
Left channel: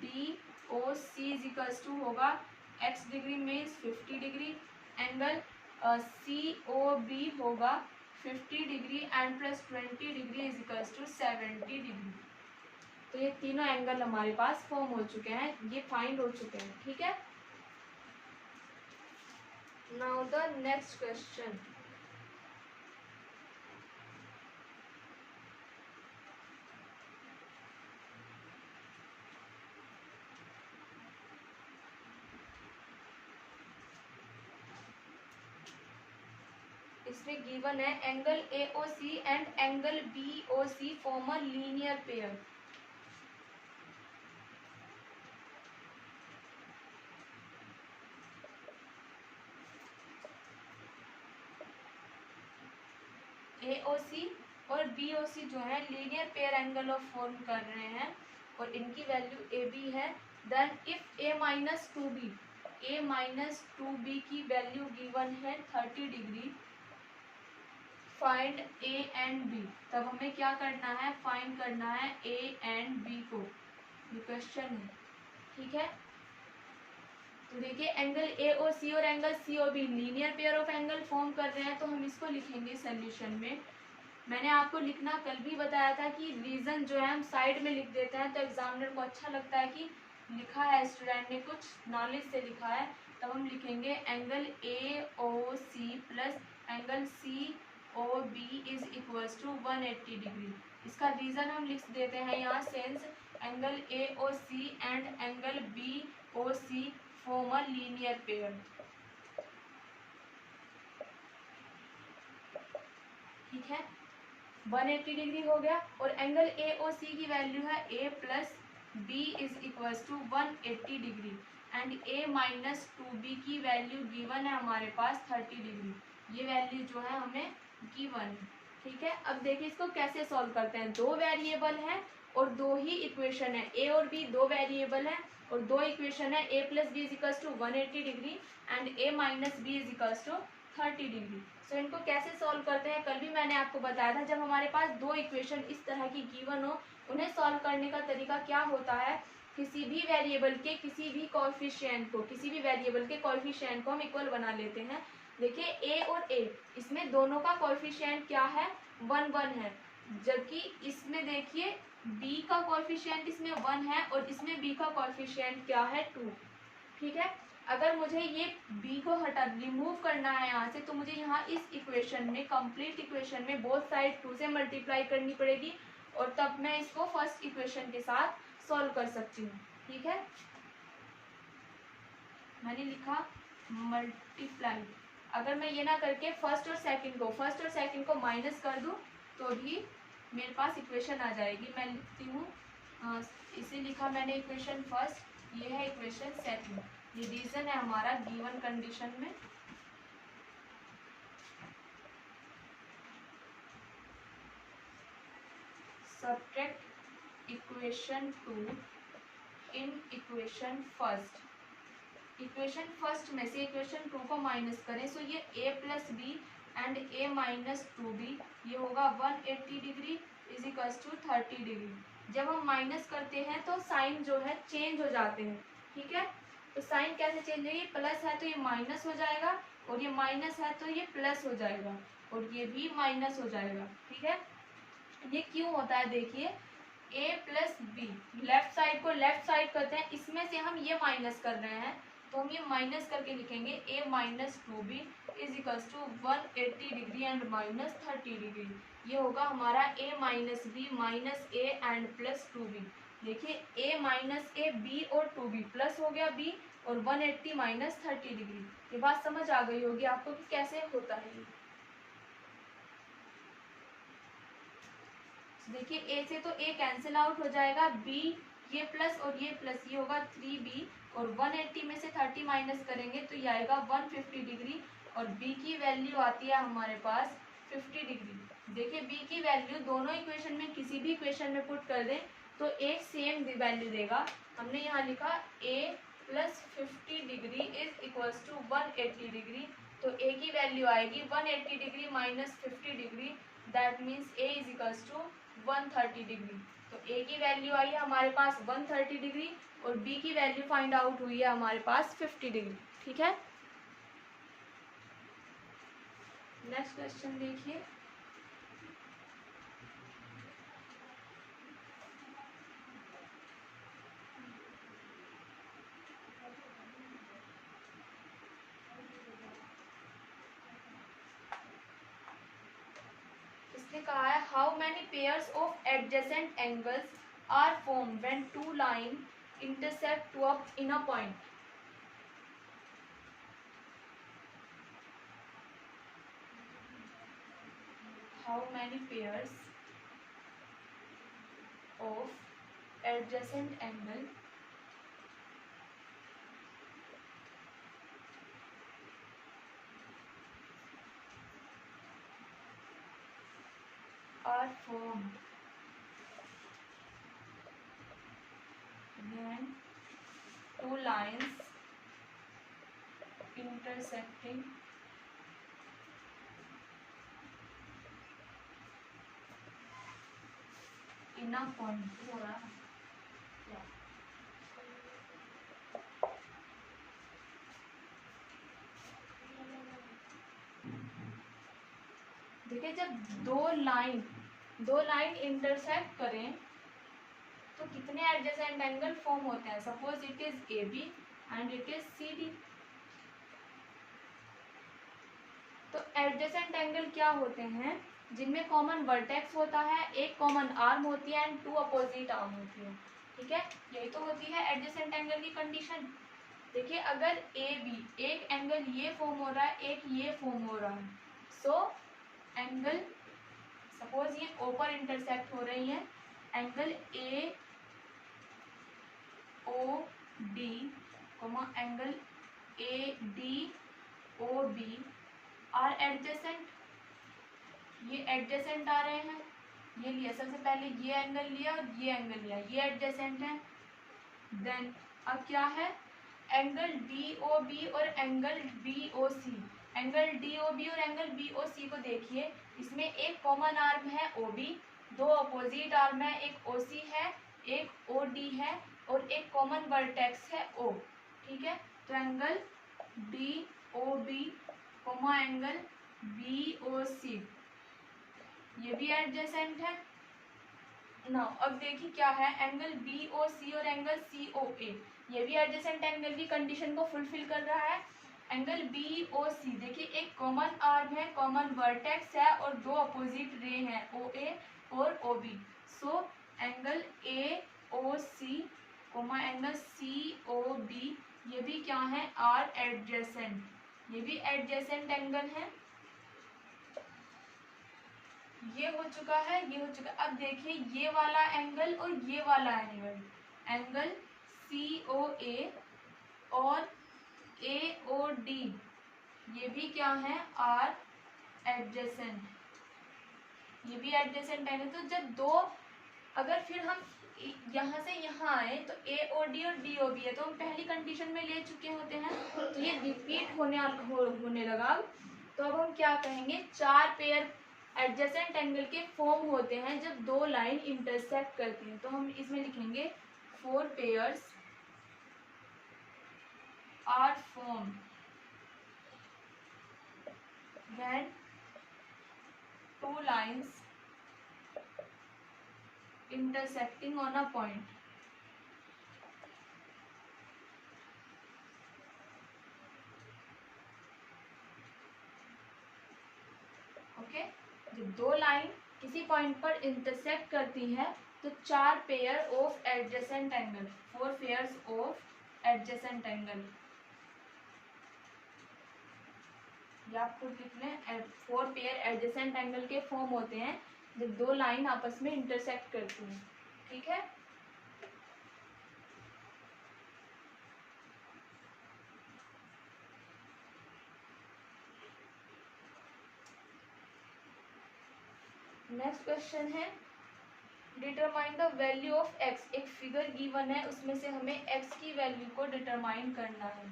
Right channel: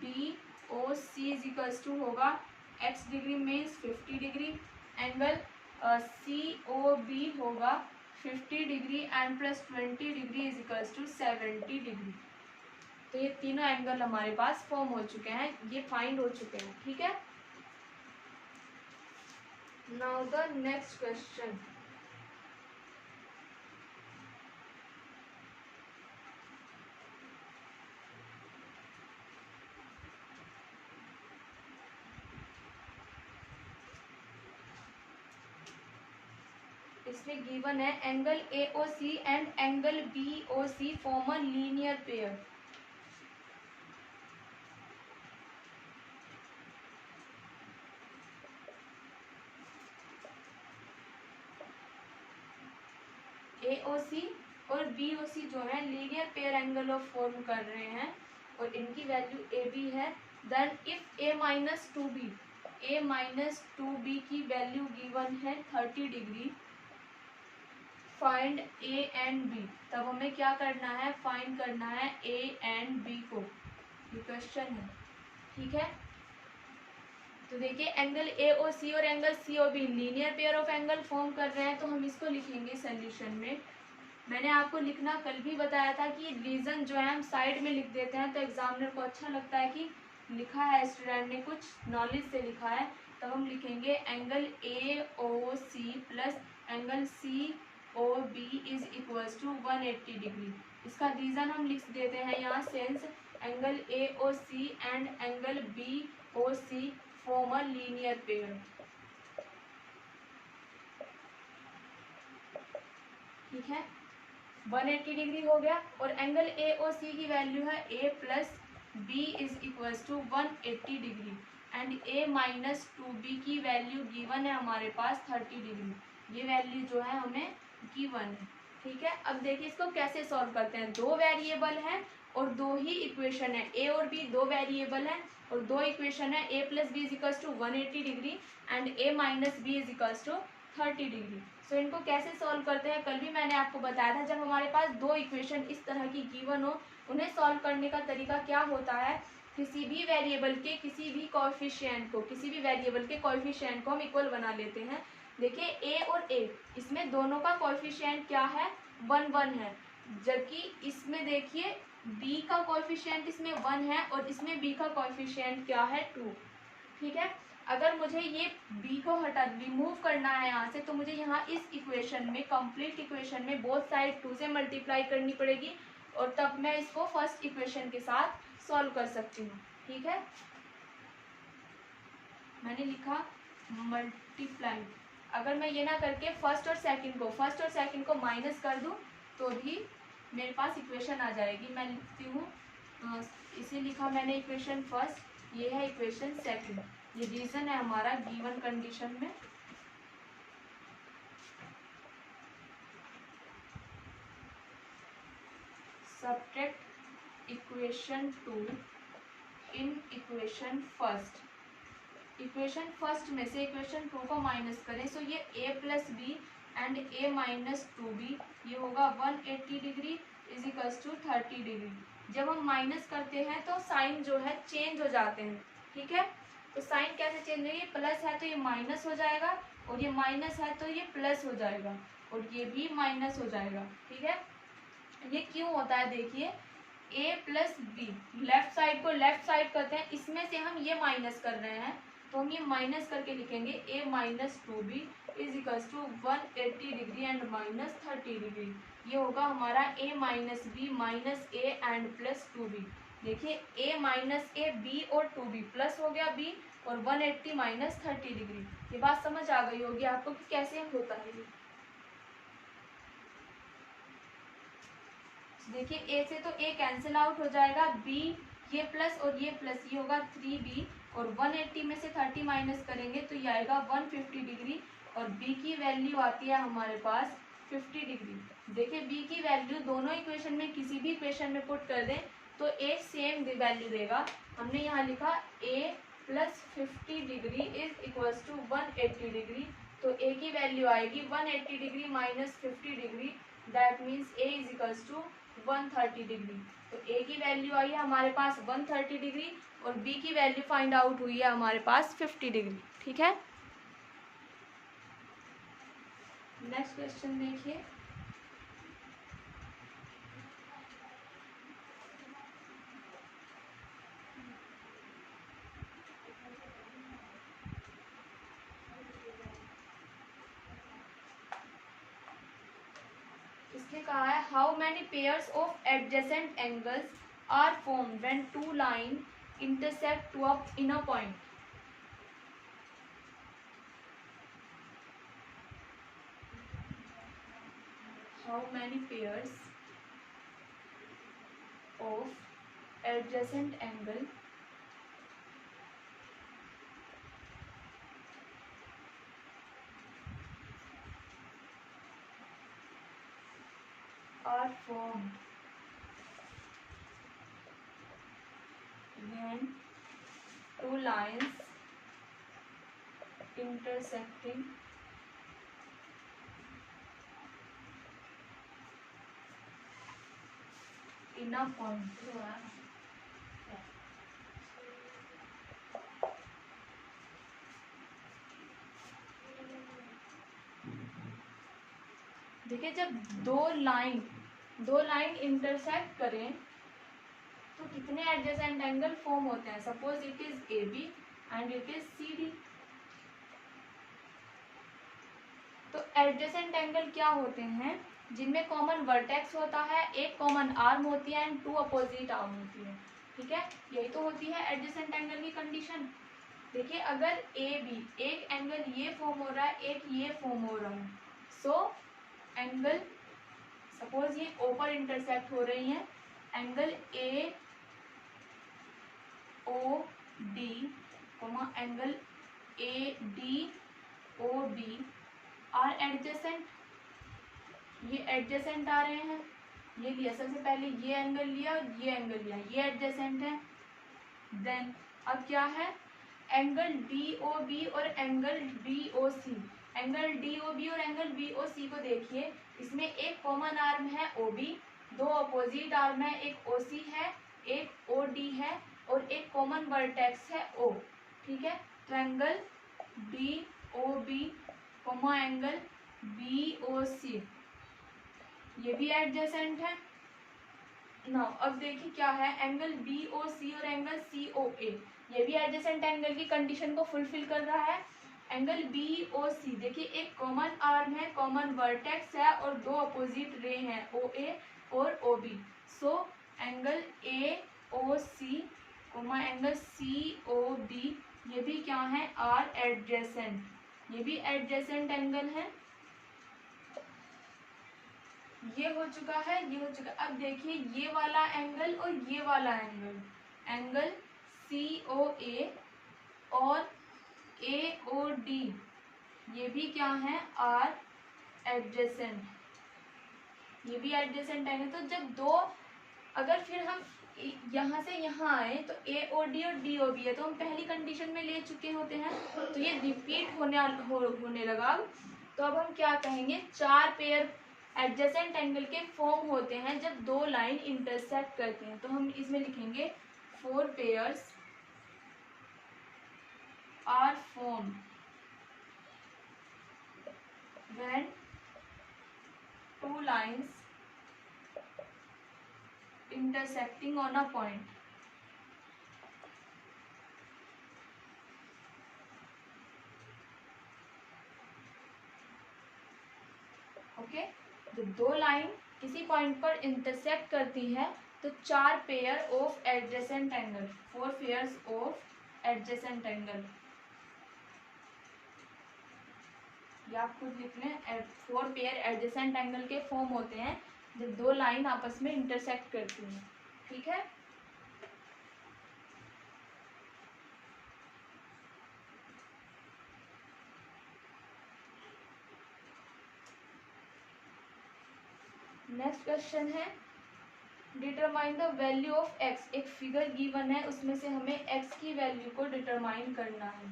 D O C is equals to होगा x degree means 50 degree, angle C O B होगा 50 degree and plus 20 degree is equals to 70 degree. तो ये तीनों angle हमारे पास form हो चुके हैं, ये फाइंड हो चुके हैं। ठीक है, नाउ द नेक्स्ट क्वेश्चन। इसमें गिवन है angle A O C and angle B O C form a linear pair. A O C और बी ओ सी जो है linear pair angle of form कर रहे हैं, और इनकी वैल्यू ए बी है। Then if A minus two B की वैल्यू गिवन है 30 degree, find A and B. तब हमें क्या करना है, फाइंड करना है ए एंड बी को, ये क्वेश्चन है। ठीक है, तो देखिए एंगल ए ओ सी और angle C O B linear pair of angle form कर रहे हैं, तो हम इसको लिखेंगे सोल्यूशन में। मैंने आपको लिखना कल भी बताया था कि रीजन जो है हम साइड में लिख देते हैं, तो एग्जामिनर को अच्छा लगता है कि लिखा है स्टूडेंट ने, कुछ नॉलेज से लिखा है। तो हम लिखेंगे angle A O C plus angle C O B is equals to 180 degree. इसका रीजन हम लिख देते हैं यहाँ, since angle A O C and angle B O C form a linear pair. ठीक है, 180 डिग्री हो गया, और एंगल ए ओ सी की वैल्यू है A plus B is equals to 180 degree, and A minus 2b की वैल्यू गिवन है हमारे पास 30 डिग्री। ये वैल्यू जो है हमें गिवन है। ठीक है, अब देखिए इसको कैसे सॉल्व करते हैं। दो वेरिएबल हैं और दो ही इक्वेशन है, ए और बी दो वेरिएबल है और दो इक्वेशन है, A plus B is equals to 180 degree and A minus B is equals to 30 degree. So इनको कैसे सॉल्व करते हैं, कल भी मैंने आपको बताया था, जब हमारे पास दो इक्वेशन इस तरह की गिवन हो, उन्हें सॉल्व करने का तरीका क्या होता है, किसी भी वेरिएबल के किसी भी कोएफिशिएंट को, किसी भी वेरिएबल के कोएफिशिएंट को हम इक्वल बना लेते हैं। देखिए ए और ए, इसमें दोनों का कोएफिशिएंट क्या है, 1 1 है। जबकि इसमें देखिए b का कोएफिशिएंट इसमें 1 है और इसमें b का कोएफिशिएंट क्या है 2। ठीक है, अगर मुझे ये b को रिमूव करना है यहाँ से, तो मुझे यहाँ इस इक्वेशन में, कंप्लीट इक्वेशन में बोथ साइड 2 से मल्टीप्लाई करनी पड़ेगी और तब मैं इसको फर्स्ट इक्वेशन के साथ सॉल्व कर सकती हूँ। ठीक है, मैंने लिखा मल्टीप्लाई। अगर मैं ये ना करके फर्स्ट और सेकंड को माइनस कर दूँ तो भी मेरे पास इक्वेशन आ जाएगी। मैं लिखती हूँ, इसे लिखा मैंने इक्वेशन फर्स्ट, ये है इक्वेशन सेकंड। ये रीजन है हमारा गिवन कंडीशन में। Subtract equation 2 in equation first. Equation first में से इक्वेशन 2 को माइनस करें, सो ये a plus B and a minus 2b, ये होगा 180 degree is equals to 30 degree. जब हम माइनस करते हैं तो साइन जो है चेंज हो जाते हैं। ठीक है, तो साइन कैसे चेंज होगी, प्लस है तो ये माइनस हो जाएगा और ये माइनस है तो ये प्लस हो जाएगा और ये भी माइनस हो जाएगा। ठीक है, ये क्यों होता है, देखिए a plus B, left side को लेफ्ट साइड करते हैं, इसमें से हम ये माइनस कर रहे हैं तो हम ये माइनस करके लिखेंगे a minus 2b is equals to 180 degree and minus 30 degree. ये होगा हमारा a minus B minus a and plus 2b। देखिए a माइनस a, b और 2b प्लस हो गया b और 180 माइनस 30 डिग्री। ये बात समझ आ गई होगी आपको कि कैसे होता है ये। देखिए a से तो a कैंसिल आउट हो जाएगा, b ये प्लस और ये प्लस, ये होगा 3b और 180 में से 30 माइनस करेंगे तो ये आएगा 150 डिग्री और b की वैल्यू आती है हमारे पास 50 डिग्री। देखिए b की वैल्यू दोनों इक्वेशन में किसी भी इक्वेशन में पुट कर दें तो a सेम वैल्यू देगा। हमने यहाँ लिखा a plus 50 degree is equals to 180 degree, तो a की वैल्यू आएगी 180 degree minus 50 degree, that means a is equals to 130 degree. तो a की वैल्यू आई है हमारे पास 130 डिग्री और b की वैल्यू फाइंड आउट हुई है हमारे पास 50 डिग्री। ठीक है, नेक्स्ट क्वेश्चन देखिए। इसने कहा है how many pairs of adjacent angles are formed when two line intersect in a point. How many pairs of adjacent angle are formed when two lines intersecting in a point। देखिए जब दो line intersect करें तो कितने adjacent angle form होते हैं। Suppose it is A B and it is C D. तो adjacent angle क्या होते हैं, जिनमें कॉमन वर्टेक्स होता है, एक कॉमन आर्म होती है एंड 2 अपोजिट आर्म होती है। ठीक है, यही तो होती है एडजेसेंट एंगल की कंडीशन। देखिए अगर ए बी, एक एंगल ये फॉर्म हो रहा है, एक ये फॉर्म हो रहा है, सो एंगल सपोज ये ओ पर इंटरसेक्ट हो रही हैं, angle A O D angle A D O B are adjacent. ये एडजेसेंट आ रहे हैं, ये लिया सबसे पहले, ये एंगल लिया, ये एंगल लिया, ये एडजेसेंट है। देन अब क्या है, एंगल डी ओ बी और एंगल डी ओ सी। एंगल डी ओ बी और एंगल बी ओ सी को देखिए, इसमें एक कॉमन आर्म है ओ बी, 2 अपोजिट आर्म है, एक ओ सी है, एक ओ डी है और एक कॉमन वर्टेक्स है ओ। ठीक है, तो angle D O B angle B O C, ये भी एडजेसेंट है। नाउ अब देखिए क्या है, एंगल BOC और एंगल COA, ये भी एडजेसेंट एंगल की कंडीशन को फुलफिल कर रहा है। एंगल BOC देखिए, एक कॉमन आर्म है, कॉमन वर्टेक्स है और दो अपोजिट रे हैं OA और OB। So angle AOC angle COB ये भी क्या है, आर एडजेसेंट, ये भी एडजेसेंट एंगल है। ये हो चुका है, ये हो चुका। अब देखिए ये वाला एंगल और ये वाला एंगल, एंगल COA और AOD ये भी क्या है, आर एडजेसेंट, ये भी एडजेसेंट एंगल। तो जब दो, अगर फिर हम यहाँ से यहाँ आए तो AOD और DOB है, तो हम पहली कंडीशन में ले चुके होते हैं, तो ये रिपीट होने लगा। तो अब हम क्या कहेंगे, चार पेयर एडजेसेंट एंगल के फॉर्म होते हैं जब दो लाइन इंटरसेक्ट करते हैं। तो हम इसमें लिखेंगे 4 pairs are form when two lines intersecting on a point। Okay, जब दो लाइन किसी पॉइंट पर इंटरसेक्ट करती है तो चार pair of adjacent angle, 4 pairs of adjacent angle, या आप खुद लिख लें, 4 पेयर एडजेसेंट एंगल के फॉर्म होते हैं जब दो लाइन आपस में इंटरसेक्ट करती हैं। ठीक है, नेक्स्ट क्वेश्चन है, determine the value of x। एक फिगर गिवन है, उसमें से हमें x की वैल्यू को डिटरमाइन करना है।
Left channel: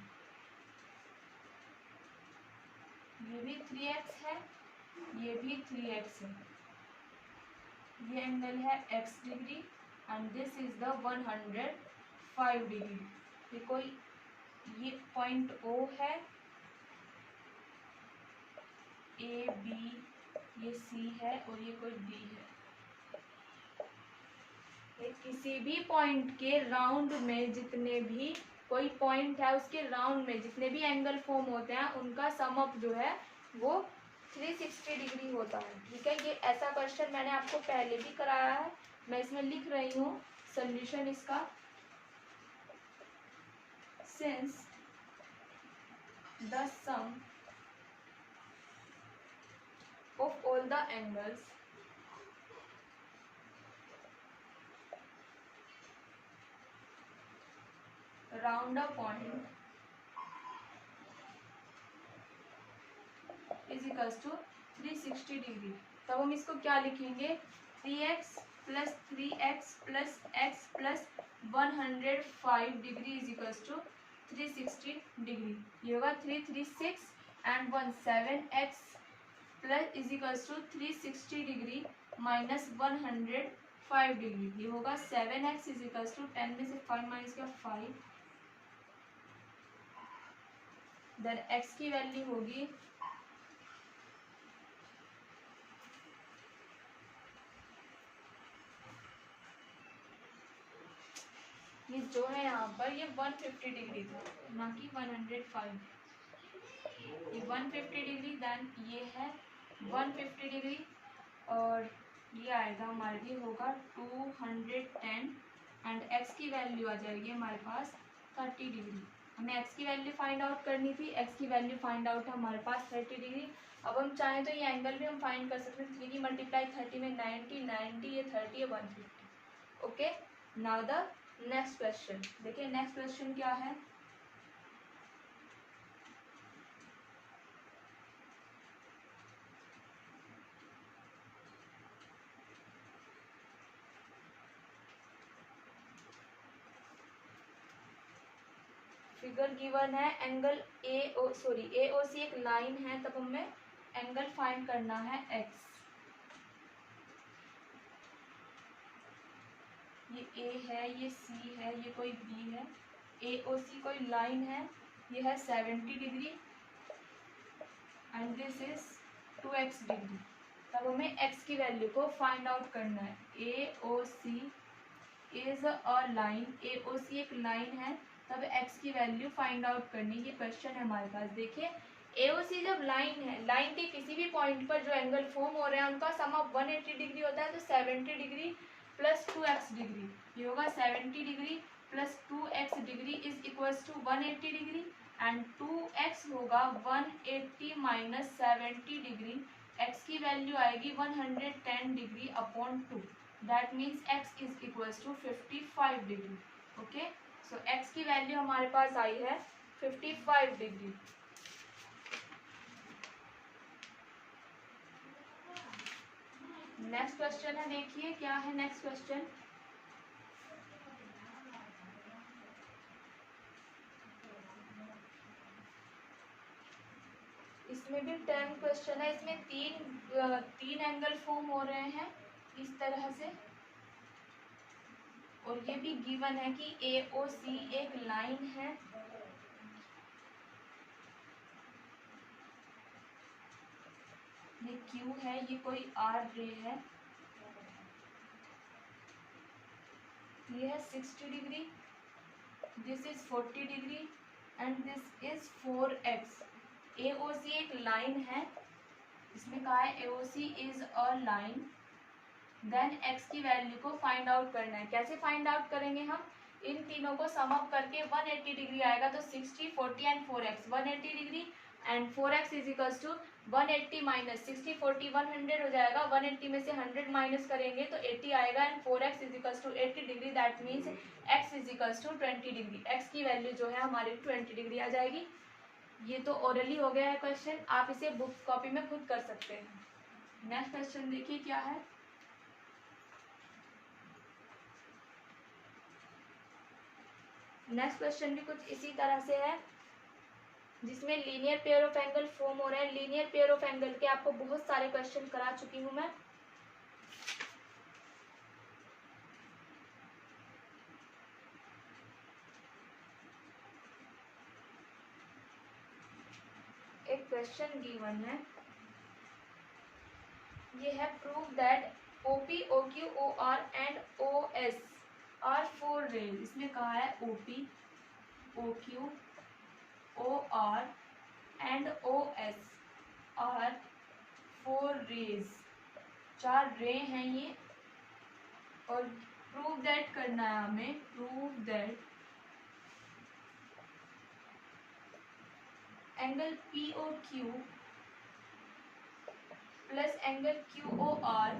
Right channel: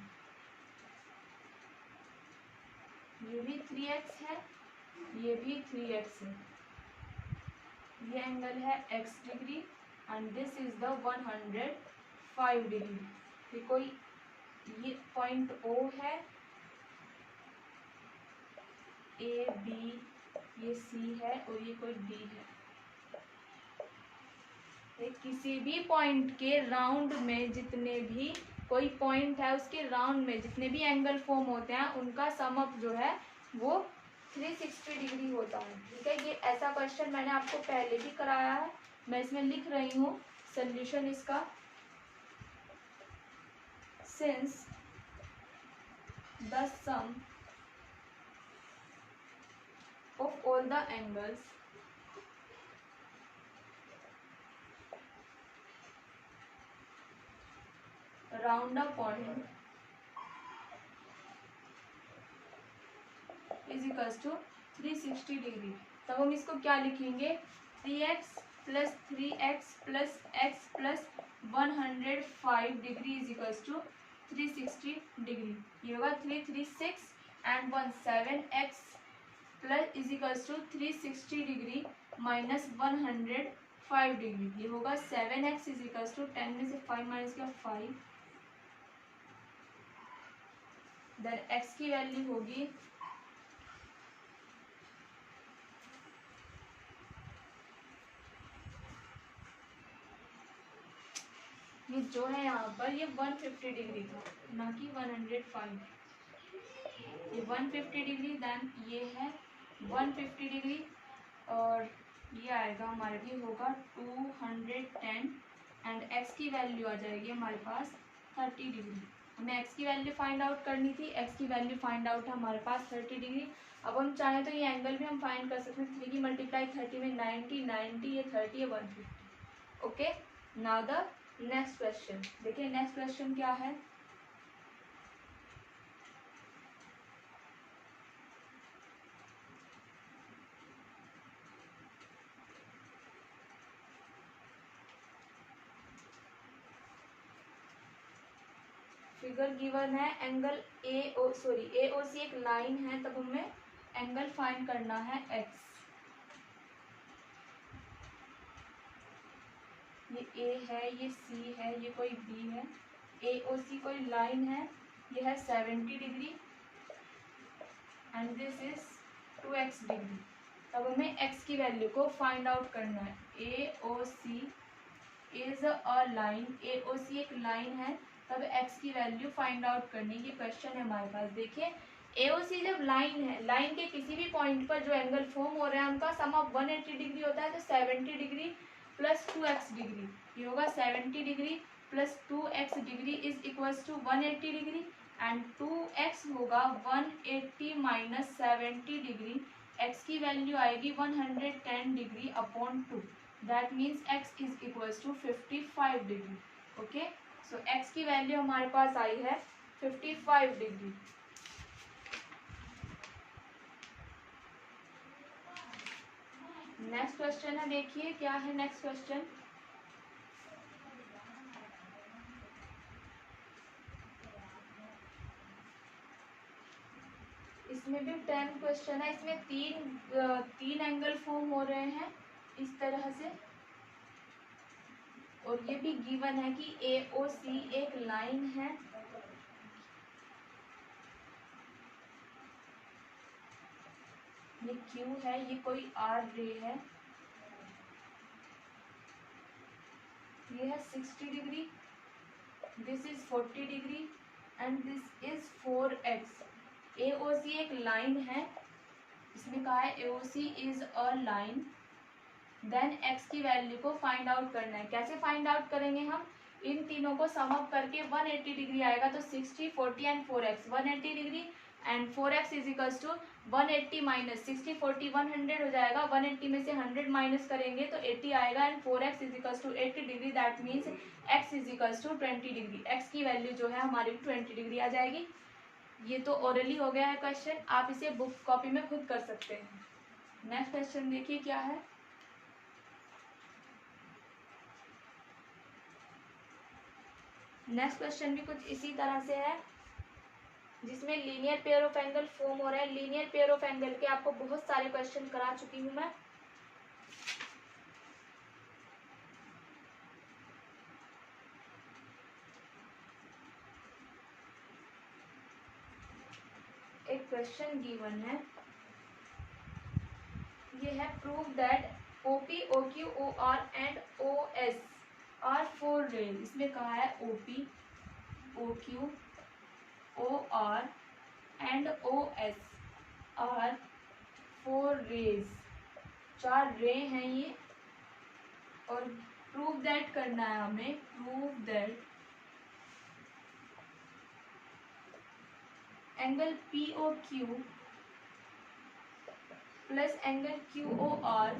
ये भी 3x है, ये भी 3x है। ये एंगल है x degree and this is the 105 degree. ये कोई, ये पॉइंट O है, A B, ये C है और ये कोई D है। किसी भी पॉइंट के राउंड में जितने भी कोई पॉइंट है उसके राउंड में जितने भी एंगल फॉर्म होते हैं उनका सम अप जो है वो 360 डिग्री होता है। ठीक है, ये ऐसा क्वेश्चन मैंने आपको पहले भी कराया है, मैं इसमें लिख रही हूँ सोल्यूशन इसका। Since the sum of all the angles round a point is equals to 360 degree. तब हम इसको क्या लिखेंगे, 3x plus 3x plus x plus 105 degree is equals to 360 degree. ये होगा 336 and 17x plus is equals to 360 degree minus 105 degree. ये होगा 7x is equals to 10 में से 5 माइनस का 5, देन x की वैल्यू होगी ये जो है यहाँ पर ये 150 डिग्री था, ना कि 105। ये 150 डिग्री, देन ये है 150 डिग्री और ये आएगा हमारे लिए होगा 210 एंड x की वैल्यू आ जाएगी हमारे पास 30 डिग्री। हमें x की वैल्यू फाइंड आउट करनी थी, x की वैल्यू फाइंड आउट है हमारे पास 30 डिग्री। अब हम चाहें तो ये एंगल भी हम फाइंड कर सकते हैं, 3 की मल्टीप्लाई 30 में 90, 90 ये 30 है 150। Okay, now the next question. देखिए नेक्स्ट क्वेश्चन क्या है, फिगर गिवन है, एंगल AOC एक लाइन है, तब हमें एंगल फाइंड करना है x। ये A है, ये C है, ये कोई B है, AOC कोई लाइन है, ये है 70 degree and this is 2x degree. तब हमें x की वैल्यू को फाइंड आउट करना है। AOC is a line, AOC एक लाइन है, तब x की वैल्यू फाइंड आउट करनी, ये क्वेश्चन है हमारे पास। देखिए AOC जब लाइन है, लाइन के किसी भी पॉइंट पर जो एंगल फॉर्म हो रहे हैं उनका सम ऑफ 180 डिग्री होता है, तो 70 डिग्री प्लस 2x डिग्री, ये होगा 70 degree plus 2x degree is equals to 180 degree, and 2x होगा 180 माइनस 70 डिग्री, x की वैल्यू आएगी 110 degree upon 2, that means x is equals to 55 degree. Okay, so x की वैल्यू हमारे पास आई है 55 डिग्री। नेक्स्ट क्वेश्चन है, देखिए क्या है नेक्स्ट क्वेश्चन। इसमें भी 10 क्वेश्चन है, इसमें तीन एंगल फॉर्म हो रहे हैं इस तरह से, और ये भी गिवन है कि AOC एक लाइन है, ये Q है, ये कोई R रे है, ये है 60 degree, this is 40 degree and this is 4x। AOC एक लाइन है, इसमें कहा है AOC is a line, then x की वैल्यू को फाइंड आउट करना है। कैसे फाइंड आउट करेंगे हम, इन तीनों को सम अप करके 180 डिग्री आएगा, तो 60 40 and 4x 180 degree and 4x is equals to 180 minus 60 40 100 हो जाएगा, 180 में से 100 माइनस करेंगे तो 80 आएगा, and 4x is equals to 80 degree, that means x is equals to 20 degree, x की वैल्यू जो है हमारी 20 डिग्री आ जाएगी। ये तो ओरली हो गया है क्वेश्चन, आप इसे बुक कॉपी में खुद कर सकते हैं। नेक्स्ट क्वेश्चन देखिए क्या है। नेक्स्ट क्वेश्चन भी कुछ इसी तरह से है, जिसमें linear pair of angle form हो रहे हैं। लीनियर पेयर ऑफ एंगल के आपको बहुत सारे क्वेश्चन करा चुकी हूं मैं। एक क्वेश्चन गिवन है, ये है prove that OP OQ OR and OS are 4 rays. इसमें कहा है OP OQ OR and OS are 4 rays, 4 ray हैं ये, और प्रूव दैट करना है हमें, prove that angle POQ plus angle QOR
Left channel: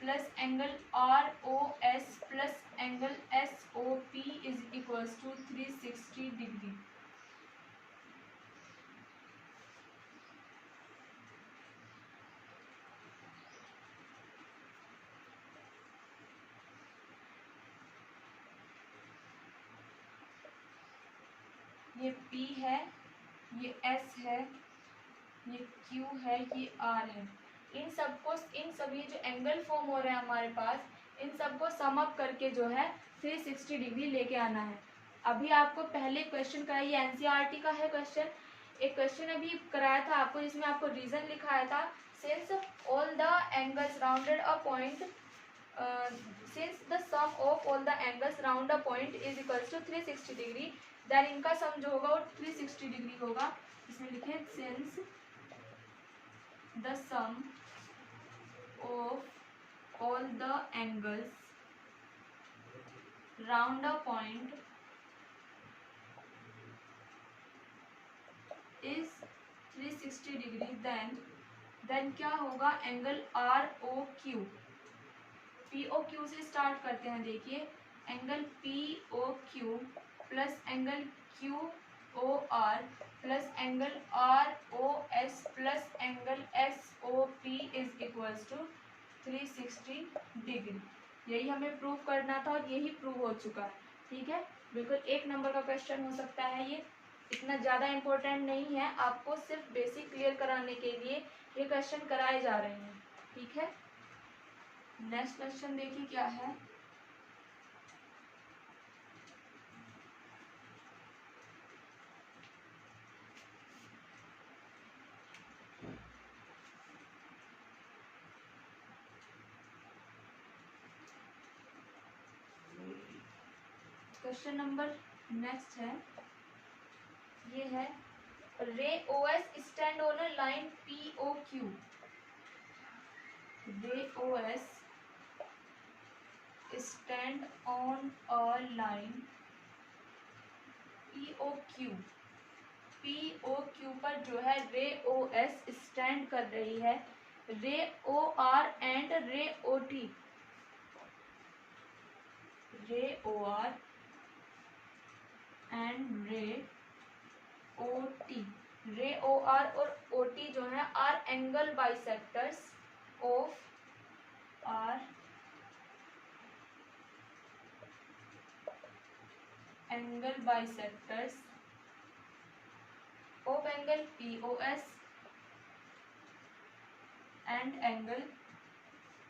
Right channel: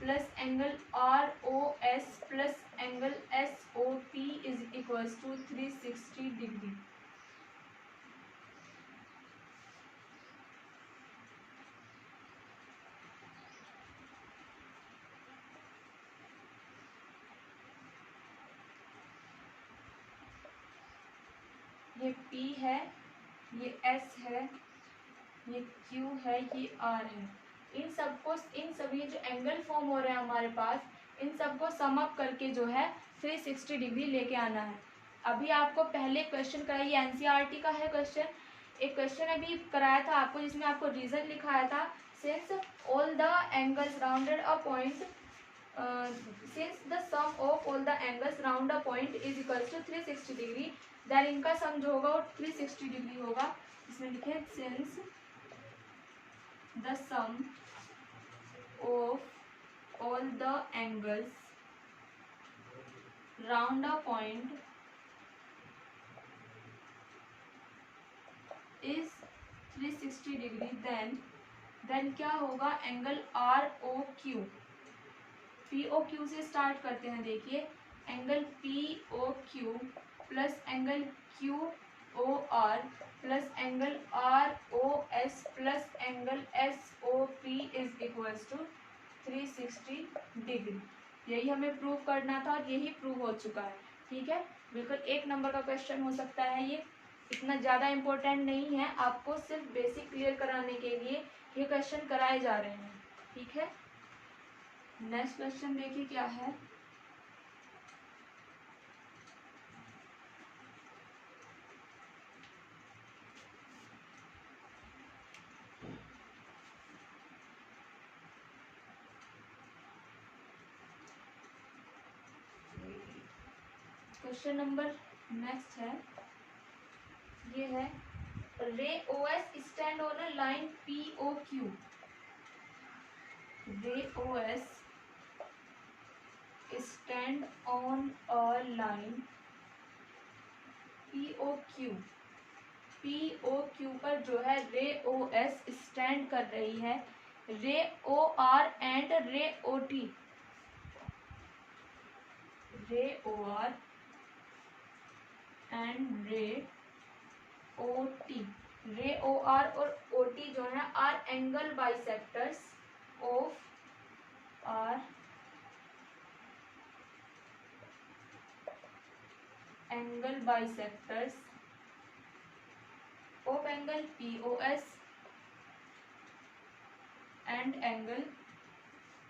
plus angle ROS plus angle SOP is equals to 360 degree. ये P है, ये S है, ये Q है, ये R है। इन सभी जो एंगल फॉर्म हो रहे हैं हमारे पास, इन सबको सम अप करके जो है 360 डिग्री लेके आना है। अभी आपको पहले क्वेश्चन कराई, NCERT का है क्वेश्चन। एक क्वेश्चन अभी कराया था आपको, जिसमें आपको रीजन लिखाया था, since all the angles rounded a point, since the sum of all the angles round a point is equals to 360 degree, then इनका सम जो होगा वो 360 डिग्री होगा। इसमें लिखे since the sum of all the angles round a point is 360 degree, then क्या होगा, angle ROQ, POQ से स्टार्ट करते हैं। देखिए angle POQ plus angle QOR plus angle ROS plus angle SOP is equals to 360 degree. यही हमें prove करना था और यही प्रूव हो चुका है। ठीक है, बिल्कुल 1 नंबर का क्वेश्चन हो सकता है, ये इतना ज़्यादा इम्पोर्टेंट नहीं है, आपको सिर्फ बेसिक क्लियर कराने के लिए ये क्वेश्चन कराए जा रहे हैं। ठीक है, नेक्स्ट क्वेश्चन देखिए क्या है। क्वेश्चन नंबर नेक्स्ट है, ये है ray O S stand on a line P O Q. Ray O S stand on a line P O Q. P O Q पर जो है रे ओ एस स्टैंड कर रही है। रे ओ आर एंड रे O T. रे O R and रे O T. रे ओ आर और ओ टी जो है are angle bisectors of are angle bisectors of angle P O S and angle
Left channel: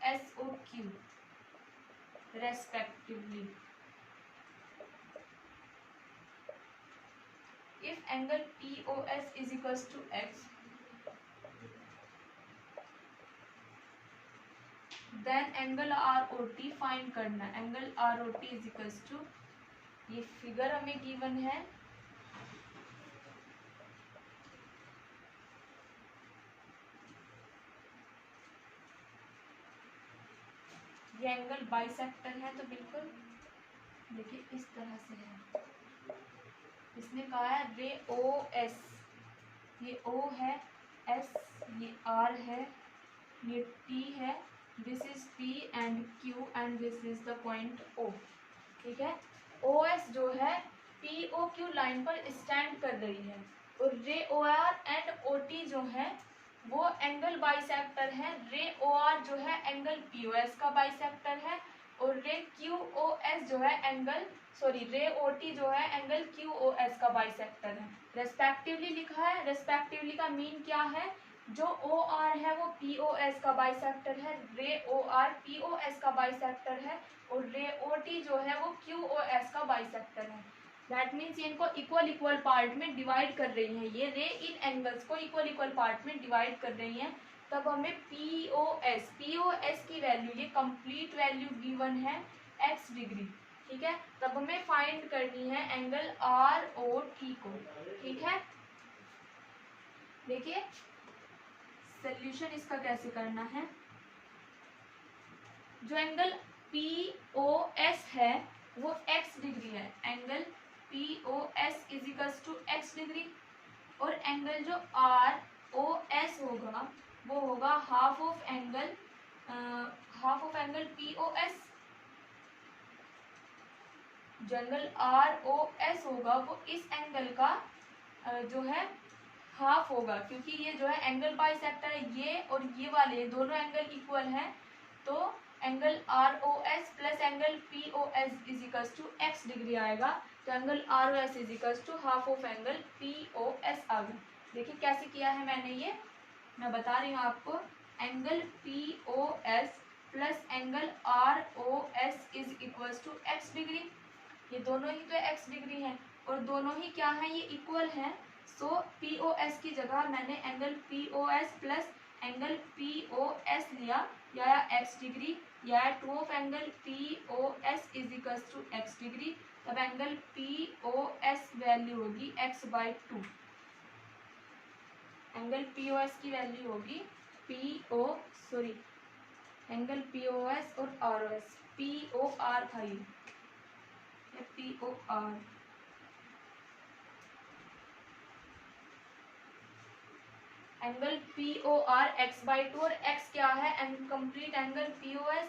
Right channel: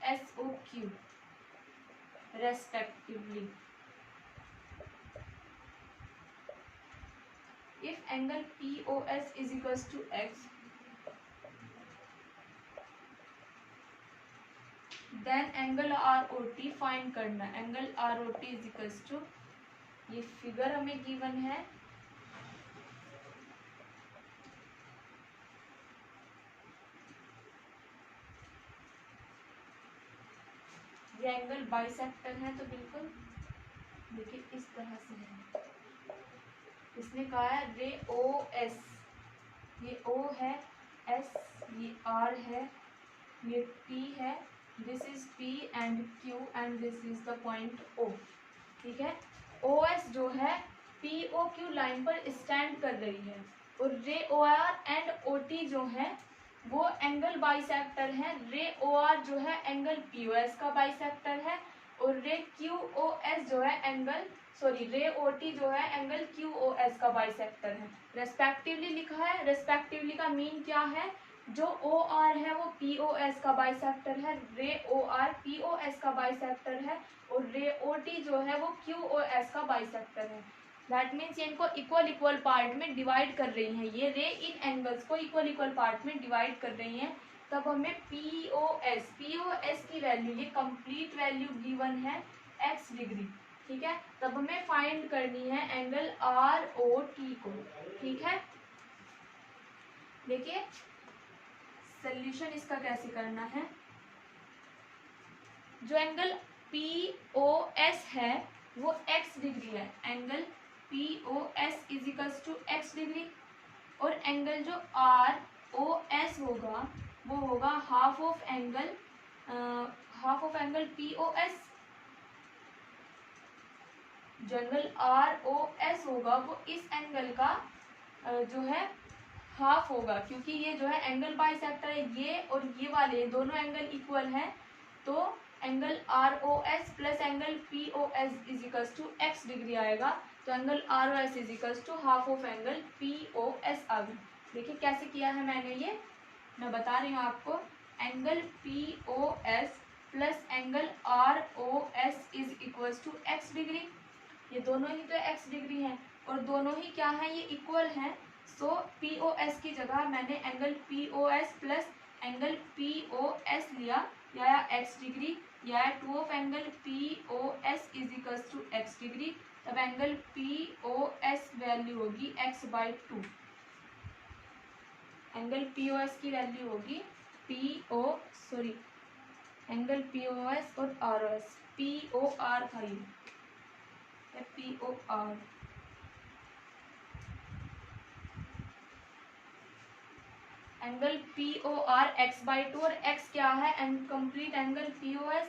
S O Q respectively. If angle POS is equals to x, then angle ROT find करना। Angle ROT is equals to, ये figure हमें given है, ये angle bisector है, तो बिल्कुल देखिए इस तरह से है। इसने कहा है रे ओ एस, ये ओ है, एस ये आर है, ये टी है, this is P and Q and this is the point O. ठीक है, ओ एस जो है पी ओ क्यू लाइन पर स्टैंड कर रही है और ray O R and O T जो है वो एंगल बाइसेक्टर है। रे ओ आर जो है एंगल पी ओ एस का बाइसेक्टर है और रे क्यू ओ एस जो है एंगल रे ओ टी जो है एंगल क्यू ओ एस का बाइसेक्टर है। रेस्पेक्टिवली लिखा है। रेस्पेक्टिवली का मीन क्या है, जो ओ आर है वो पी ओ एस का बाइसेक्टर है, ray O R P O S का बाइसेक्टर है और रे ओ टी जो है वो क्यू ओ एस का बाइसेक्टर है। दैट मीन्स इनको इक्वल इक्वल पार्ट में डिवाइड कर रही है। ये रे इन एंगल्स को इक्वल इक्वल पार्ट में डिवाइड कर रही है। तब हमें पी ओ एस की वैल्यू, ये कंप्लीट वैल्यू गिवन है एक्स डिग्री। ठीक है, तब हमें फाइंड करनी है एंगल आर ओ टी को। ठीक है, देखिए सोल्यूशन इसका कैसे करना है। जो एंगल पी ओ एस है वो एक्स डिग्री है। Angle P O S is equals to x degree और एंगल जो आर ओ एस होगा वो होगा half of angle P O S. जो एंगल आर ओ एस होगा वो इस एंगल का जो है हाफ होगा, क्योंकि ये जो है एंगल बाइसेक्टर है, ये और ये वाले दोनों एंगल इक्वल हैं। तो angle R O S plus angle P O S is equals to x degree आएगा। तो angle R O S is equals to half of angle P O S आ गया। देखिए कैसे किया है मैंने, ये मैं बता रही हूँ आपको। Angle P O S plus angle R O S is equals to x degree. ये दोनों ही तो एक्स डिग्री है और दोनों ही क्या है, ये इक्वल हैं। सो पी ओ एस की जगह मैंने angle P O S plus angle P O S लिया, या एक्स डिग्री, या 2 of angle P O S is equals to x degree. तब angle P O S value होगी x by 2। Angle P O S की value होगी angle P O S और R O S, P O R था ये, P O R. Angle P O R x by 2 और x क्या है, complete angle P O S,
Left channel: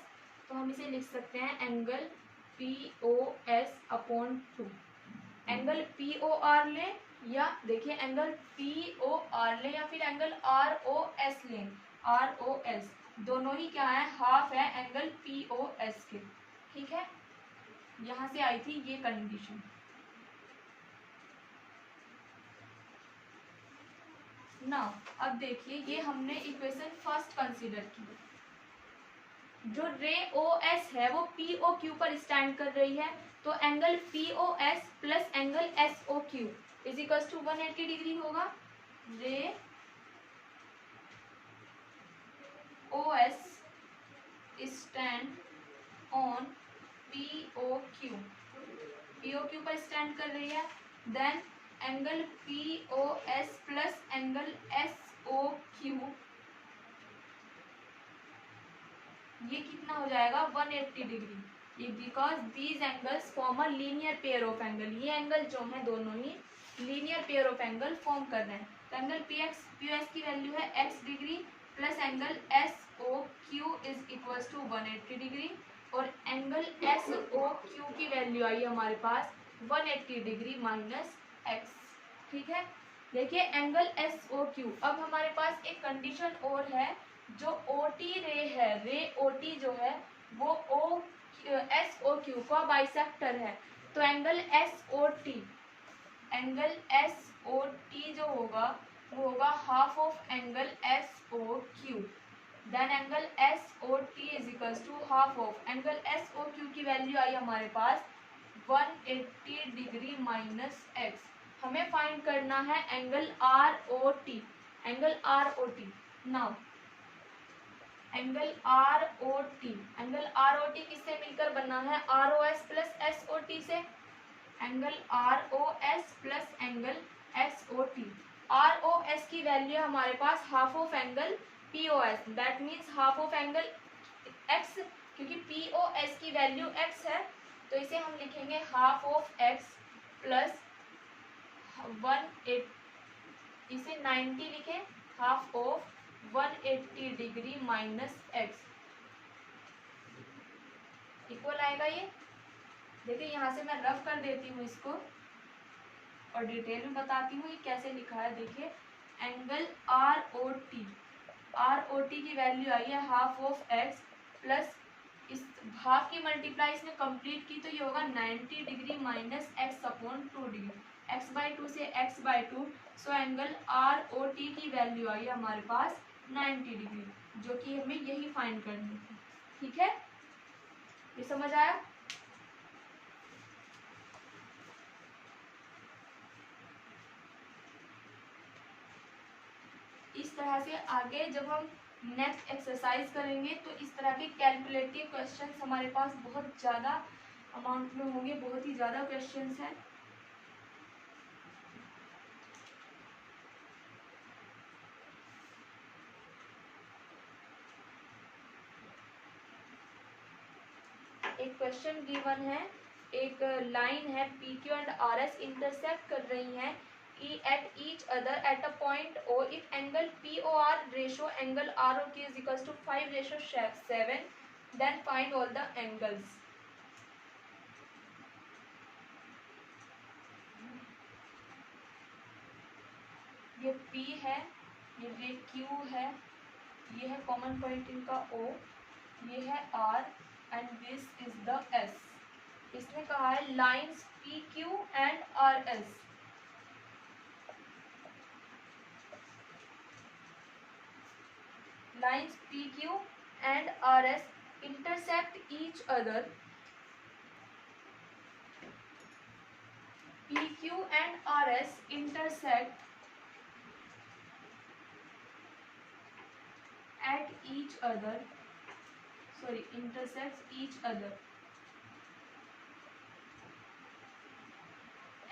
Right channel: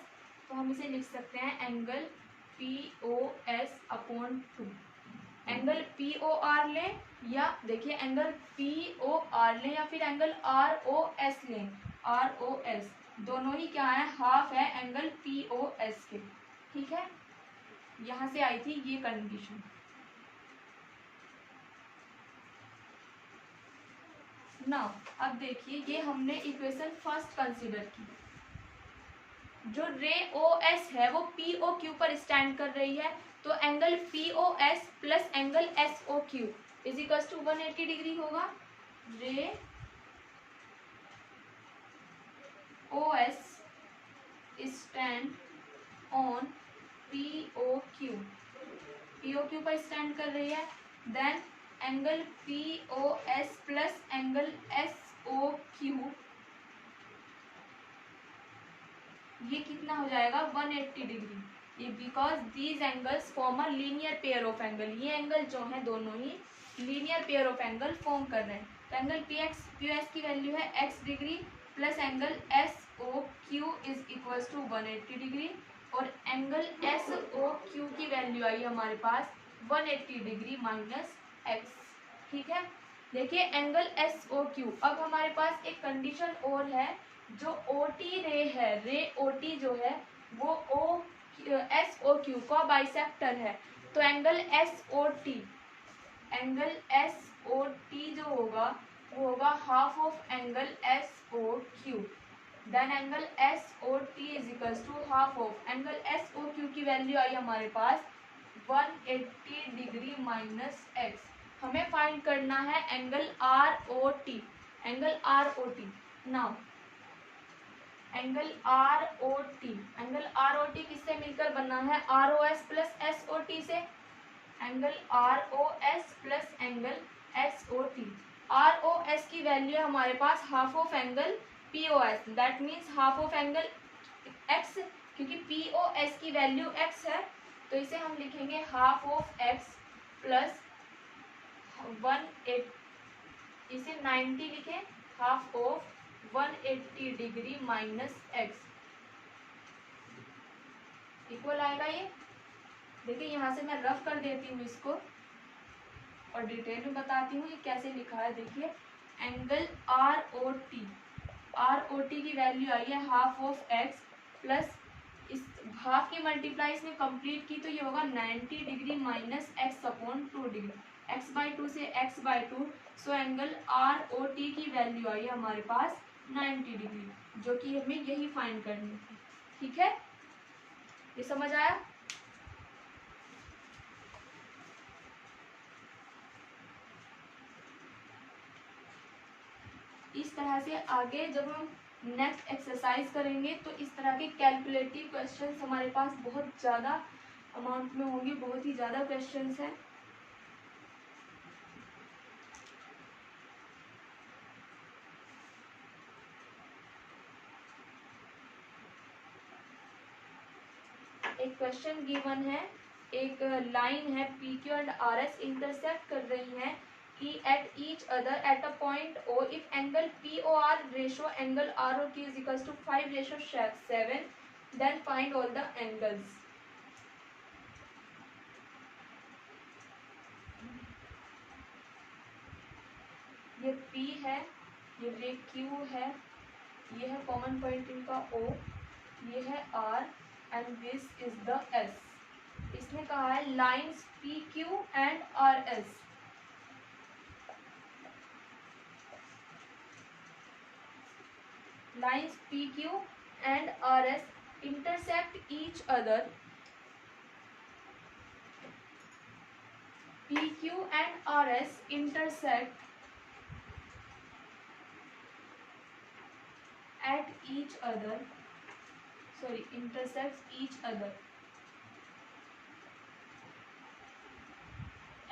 तो हम इसे लिख सकते हैं angle P O S upon 2। Angle P O R लें, या देखिए एंगल पी ओ आर लें या फिर एंगल आर ओ एस लें। आर ओ एस दोनों ही क्या है, हाफ है एंगल पी ओ एस के। ठीक है, यहाँ से आई थी ये कंडीशन। नाउ अब देखिए, ये हमने इक्वेशन फर्स्ट कंसीडर की। जो रे ओ एस है वो पी ओ क्यू पर स्टैंड कर रही है, तो angle P O S plus angle S O Q is equal to 180 degree होगा। Ray O S stand on P O Q POQ पर स्टैंड कर रही है। Then angle POS plus angle SOQ, ये कितना हो जाएगा 180 डिग्री। ये because these angles form a linear pair of angle, ये एंगल जो है दोनों ही linear pair of angle form कर रहे हैं। तो एंगल POS की वैल्यू है x degree plus angle SOQ is equal to 180 degree, और एंगल SOQ की वैल्यू आई हमारे पास 180 डिग्री माइनस x। ठीक है, देखिए एंगल SOQ। अब हमारे पास एक कंडीशन और है, जो OT रे है, रे OT जो है वो SOQ का बाइसेक्टर है। तो एंगल SOT, एंगल SOT जो होगा वो होगा half of angle SOQ। Then angle SOT is equals to half of angle SOQ की वैल्यू आई हमारे पास 180 डिग्री माइनस x। हमें फाइंड करना है angle ROT, angle ROT। Now angle ROT किससे मिलकर बना है, ROS प्लस SOT से। Angle ROS plus angle SOT, ROS की वैल्यू हमारे पास half of angle POS, that means half of angle x, क्योंकि POS की वैल्यू x है, तो इसे हम लिखेंगे हाफ ऑफ x प्लस 180, इसे 90 लिखें, half of 180 degree minus x equal आएगा ये। देखिए यहाँ से मैं रफ कर देती हूँ इसको और डिटेल में बताती हूँ ये कैसे लिखा है। देखिए एंगल ROT की वैल्यू आई है हाफ ऑफ x प्लस इस हाफ की मल्टीप्लाई इसमें कंप्लीट की तो ये होगा 90 degree minus x upon 2 degree, x/2 से x/2। सो एंगल ROT की वैल्यू आई है हमारे पास 90 डिग्री, जो कि हमें यही फाइंड करनी थी। ठीक है, ये समझ आया। इस तरह से आगे जब हम नेक्स्ट एक्सरसाइज करेंगे तो इस तरह के कैलकुलेटिव क्वेश्चंस हमारे पास बहुत ज़्यादा अमाउंट में होंगे, बहुत ही ज़्यादा क्वेश्चंस हैं। एक क्वेश्चन गिवन है, एक लाइन है PQ एंड RS इंटरसेक्ट कर रही हैं at each other at a point O if angle POR ratio angle ROT is equals to 5:7, then find all the angles। ये P है, ये रे Q है, ये है कॉमन पॉइंट इनका O, ये है R and this is the S। इसमें कहा है lines PQ and RS, lines PQ and RS intersect each other, PQ and RS intersect at each other, sorry intersects each other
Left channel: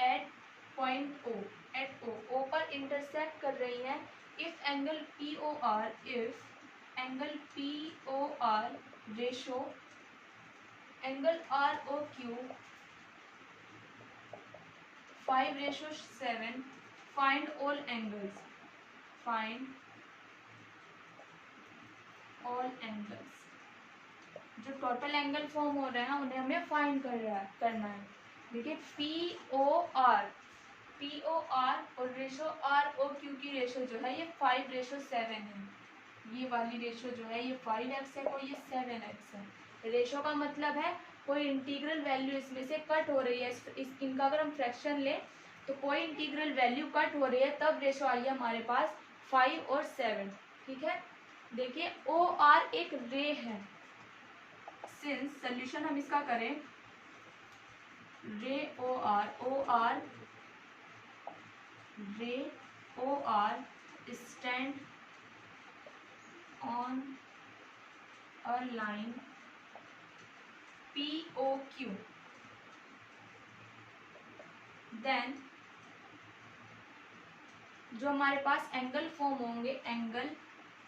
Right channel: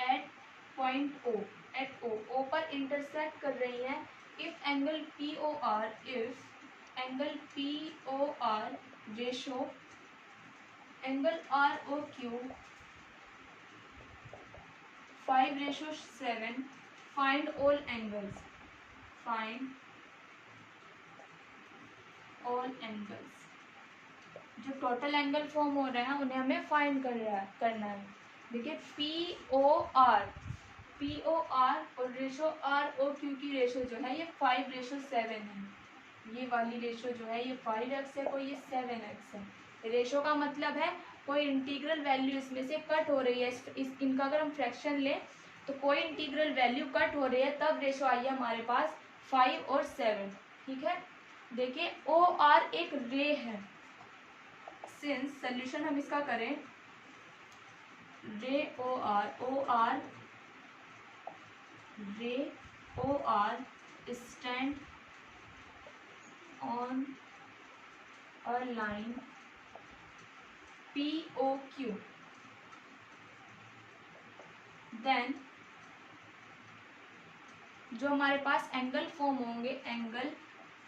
at point O, at O पर intersect कर रही हैं। if angle POR ratio angle ROQ 5:7, find all angles, find all angles। जो total angle form हो रहे हैं उन्हें हमें फाइंड करना है। देखिए POR और रेशो ROQ की रेशो जो है ये 5:7 है। ये वाली रेशो जो है ये 5x है, कोई ये 7x है। रेशो का मतलब है कोई इंटीग्रल वैल्यू इसमें से कट हो रही है, इनका अगर हम फ्रैक्शन लें तो कोई इंटीग्रल वैल्यू कट हो रही है, तब रेशो आई है हमारे पास 5 और 7। ठीक है, देखिए OR एक रे है, सिंस सोल्यूशन हम इसका करें रे OR stand on a line POQ, then जो हमारे पास एंगल फॉर्म होंगे, angle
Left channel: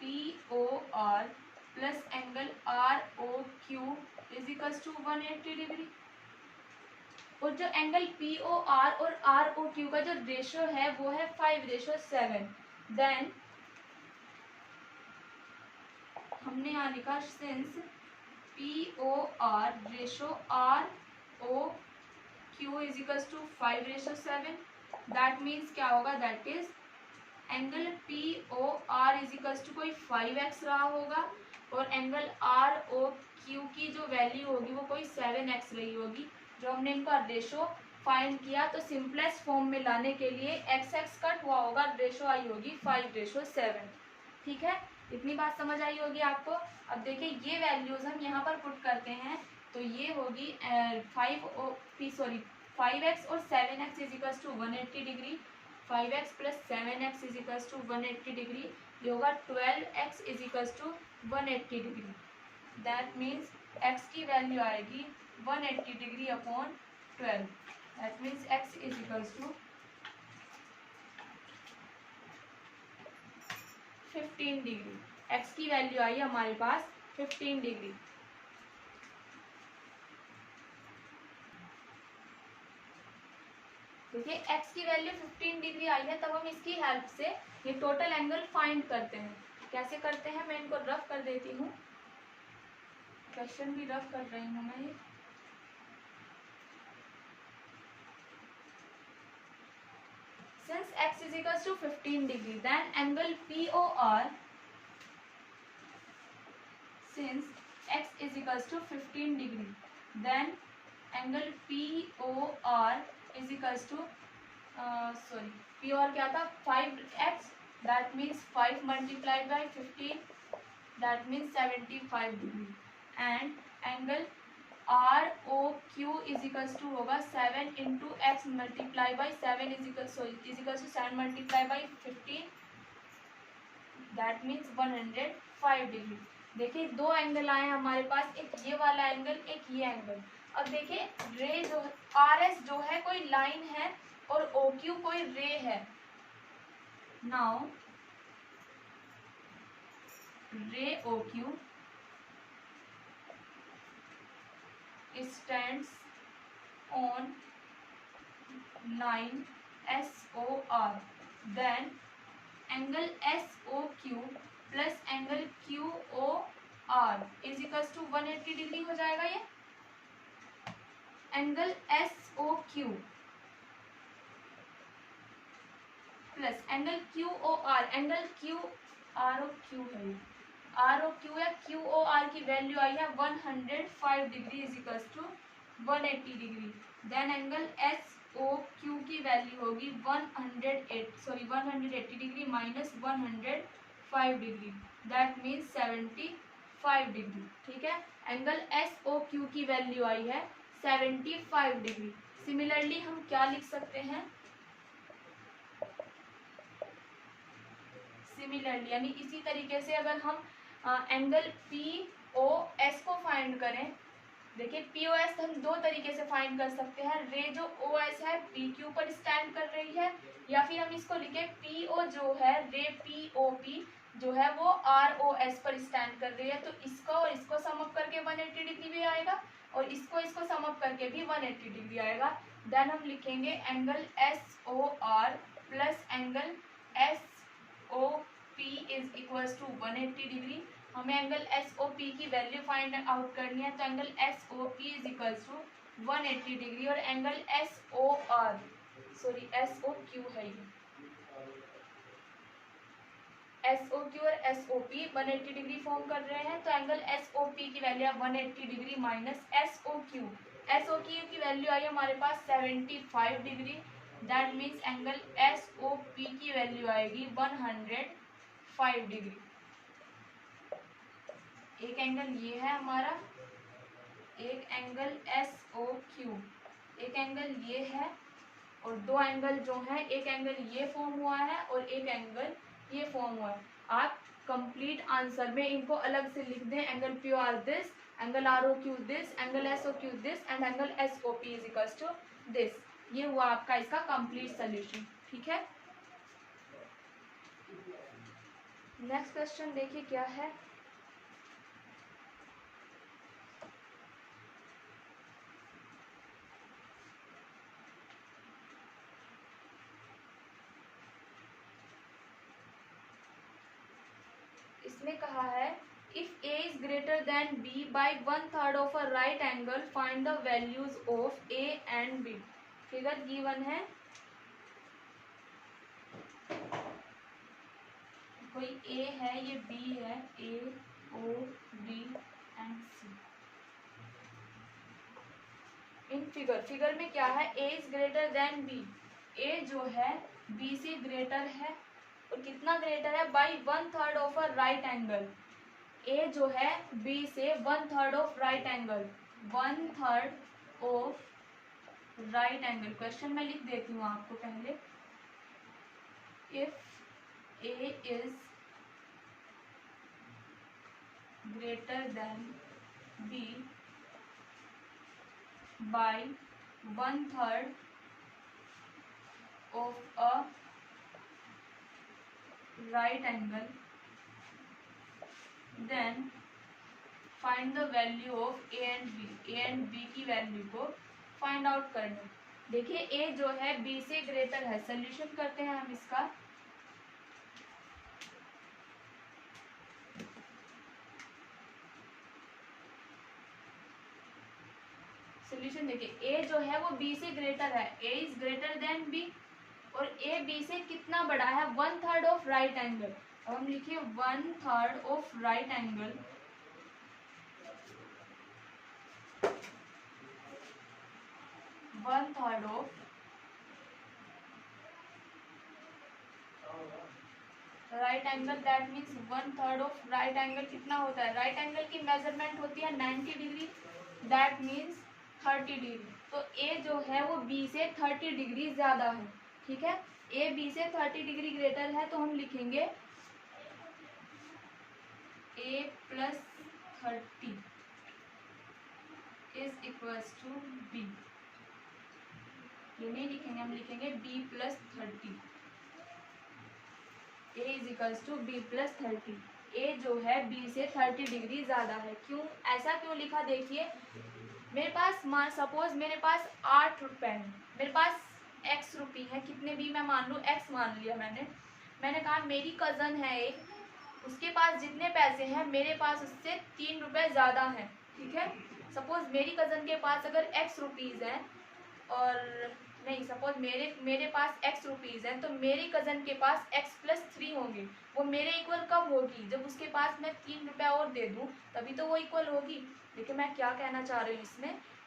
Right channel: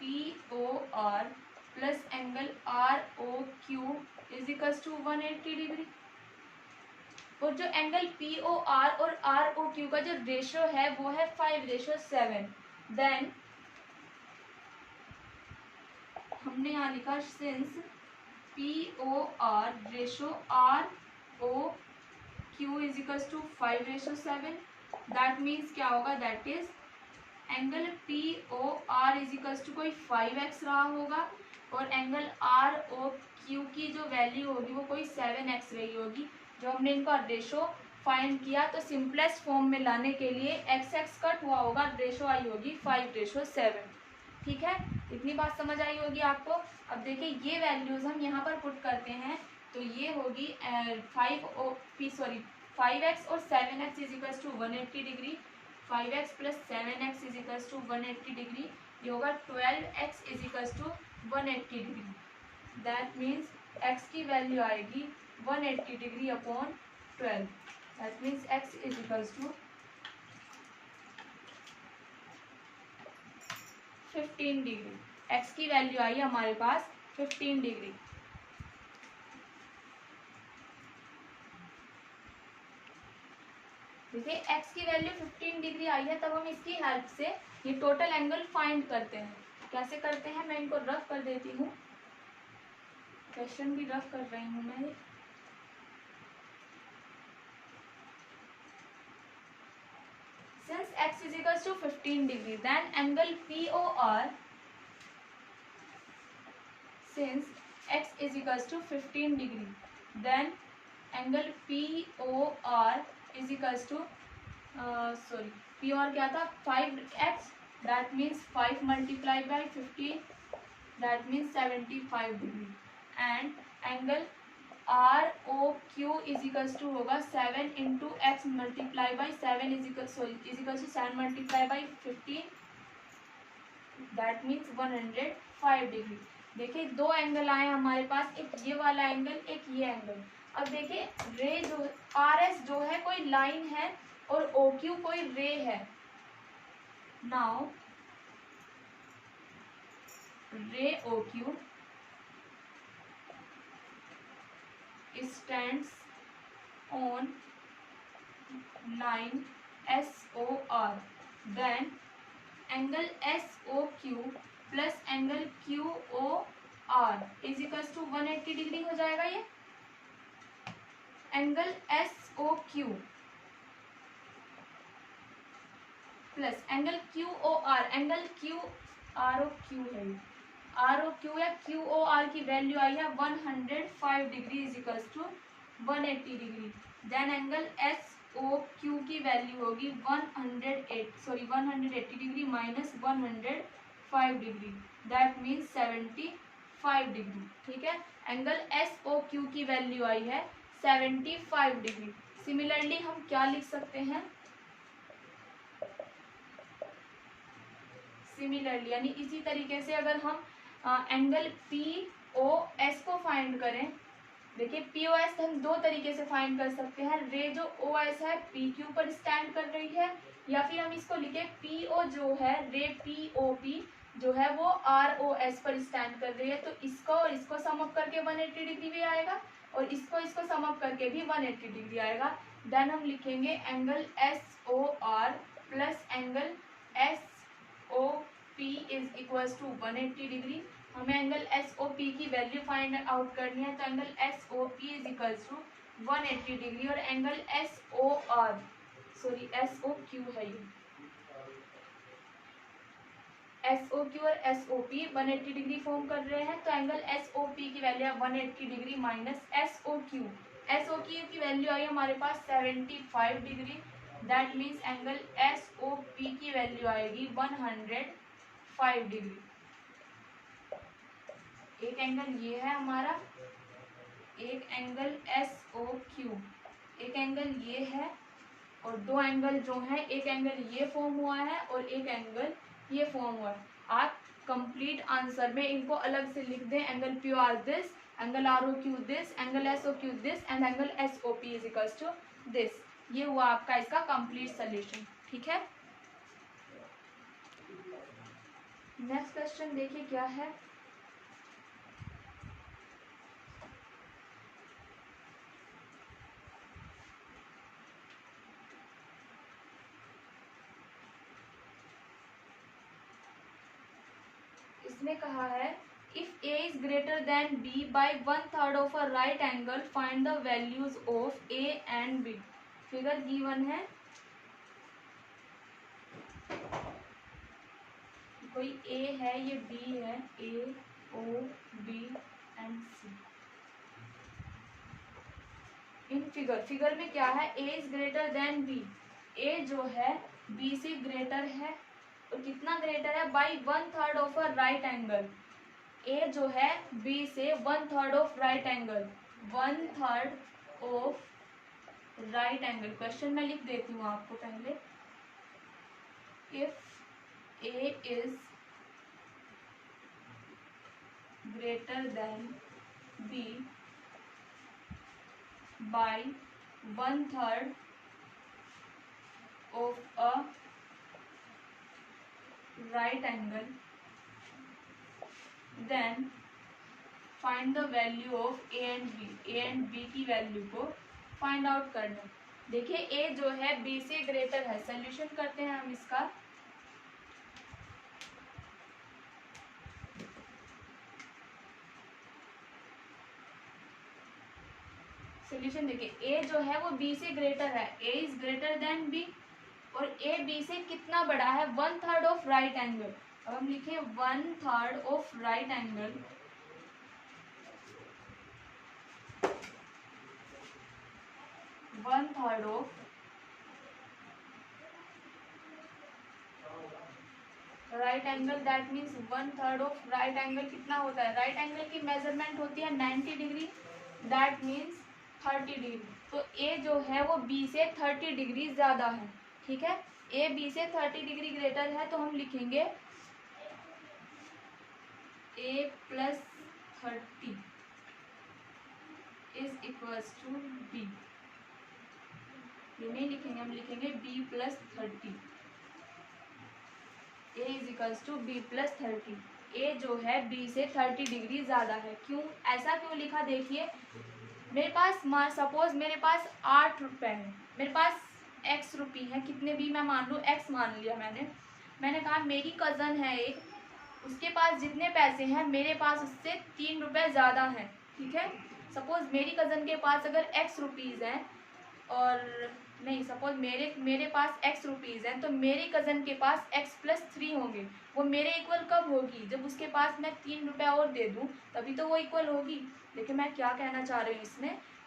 POR plus angle ROQ is equals to 180 degree. और जो एंगल POR और ROQ का जो रेशियो है वो है 5:7। देन हमने यहाँ लिखा since POR ratio ROQ is equals to 5:7, that means क्या होगा, that is angle POR is equals to कोई 5x रहा होगा और एंगल ROQ की जो वैल्यू होगी वो कोई 7x रही होगी। जो हमने इनका रेशो फाइंड किया तो सिंपलेस्ट फॉर्म में लाने के लिए x कट हुआ होगा, रेशो आई होगी 5:7। ठीक है, इतनी बात समझ आई होगी आपको। अब देखिए ये वैल्यूज हम यहाँ पर पुट करते हैं तो ये होगी 5x और 7x is equals to 180 degree. 5x plus 7x is equals to 180 degree. ये होगा 12x is equals to 180 degree. That means x की वैल्यू आएगी 180 degree upon 12। That means x is equals to 15 degree. x की value आई है हमारे पास 15 degree. देखिए x की वैल्यू 15 डिग्री आई है, तब हम इसकी हेल्प से ये टोटल एंगल फाइंड करते हैं। कैसे करते हैं, मैं इनको रफ कर देती हूँ, क्वेश्चन भी रफ कर रही हूँ मैं। Since x is equals to 15 degree, then angle POR, since x is equals to 15 degree, then angle POR is equals to POR क्या था 5x, that means 5 multiplied by 15, that means 75 degree, and angle ROQ is equals to होगा 7 into x multiply by 7 is equals to 7 multiply by 15, that means 105 degree. देखिए दो angle आए हमारे पास, एक ये वाला एंगल, एक ये एंगल। अब देखिए रे जो RS जो है कोई लाइन है और OQ कोई रे है। नाउ रे OQ stands on line SOR, then angle SOQ plus angle QOR is equals to 180 degree हो जाएगा। ये angle SOQ plus angle QOR, angle ROQ है, ROQ या QOR की वैल्यू आई है 105 degree is equals to 180 degree. Then angle SOQ की value होगी 180 degree minus 105 degree, that means 75 degree. ठीक है, एंगल SOQ की वैल्यू आई है 75 डिग्री। सिमिलरली हम क्या लिख सकते हैं, सिमिलरली यानी इसी तरीके से अगर हम एंगल POS को फाइंड करें, देखिए POS हम दो तरीके से फाइंड कर सकते हैं। रे जो OS है PQ पर स्टैंड कर रही है, या फिर हम इसको लिखे PO जो है रे POP जो है वो ROS पर स्टैंड कर रही है। तो इसको और इसको सम अप करके 180 डिग्री भी आएगा और इसको सम अप करके भी 180 डिग्री आएगा। देन हम लिखेंगे angle SOR plus angle SOP is equals to 180 degree. हमें एंगल SOP की वैल्यू फाइंड आउट करनी है, तो angle SOP is equals to 180 degree और एंगल SOQ है ये, SOQ और SOP 180 डिग्री फॉर्म कर रहे हैं। तो एंगल SOP की वैल्यू है 180 डिग्री माइनस SOQ की वैल्यू आई हमारे पास 75 degree, that means angle SOP की वैल्यू आएगी 105 डिग्री। एक एंगल ये है हमारा, एक एंगल SOQ, एक एंगल ये है और दो एंगल जो हैं, एक एंगल ये फॉर्म हुआ है और एक एंगल ये फॉर्म हुआ है। आप कंप्लीट आंसर में इनको अलग से लिख दें, angle PR this, angle ROQ this, angle SOQ this and angle SOP is equals to this. ये हुआ आपका इसका कंप्लीट सोल्यूशन। ठीक है, नेक्स्ट क्वेश्चन देखिए क्या है। इसमें कहा है if a is greater than b by 1/3 of a right angle find the values of a and b। Figure given है, कोई a है, ये b है, a o b and c। In figure में क्या है, a is greater than b, a जो है b से ग्रेटर है, और कितना ग्रेटर है, by 1/3 of a right angle. a जो है b से 1/3 of right angle, 1/3 of right angle. Question मैं लिख देती हूँ आपको पहले। If a is greater than b by 1/3 of a right angle, then find the value of A and B. A and B की वैल्यू को find out करना। देखिए ए जो है बी से ग्रेटर है, सोल्यूशन करते हैं हम इसका। सोल्यूशन देखिए, ए जो है वो बी से ग्रेटर है, ए इज ग्रेटर देन बी, और ए बी से कितना बड़ा है, 1/3 ऑफ राइट एंगल। अब हम लिखिए 1/3 of right angle, 1/3 of right angle, that means 1/3 of right angle कितना होता है, राइट एंगल की मेजरमेंट होती है 90 डिग्री, दैट मीन्स 30 डिग्री। तो ए जो है वो बी से 30 डिग्री ज्यादा है। ठीक है, ए बी से 30 डिग्री ग्रेटर है, तो हम लिखेंगे A plus 30 is equals to B. ये नहीं लिखेंगे, हम लिखेंगे B plus 30। A is equals to B plus 30। A जो है बी से 30 डिग्री ज्यादा है। क्यों, ऐसा क्यों लिखा, देखिए मेरे पास सपोज मेरे पास 8 रुपए है, मेरे पास x रुपये है, कितने भी मैं मान लूँ, x मान लिया मैंने कहा मेरी कज़न है एक, उसके पास जितने पैसे हैं मेरे पास उससे 3 रुपए ज़्यादा हैं। ठीक है, सपोज मेरी कज़न के पास अगर x रुपीज़ है, और नहीं सपोज मेरे पास x रुपीज़ है, तो मेरी कज़न के पास x प्लस 3 होंगे। वो मेरे इक्वल कब होगी, जब उसके पास मैं 3 रुपये और दे दूँ, तभी तो वो इक्वल होगी। देखिए मैं क्या कहना चाह रही हूँ,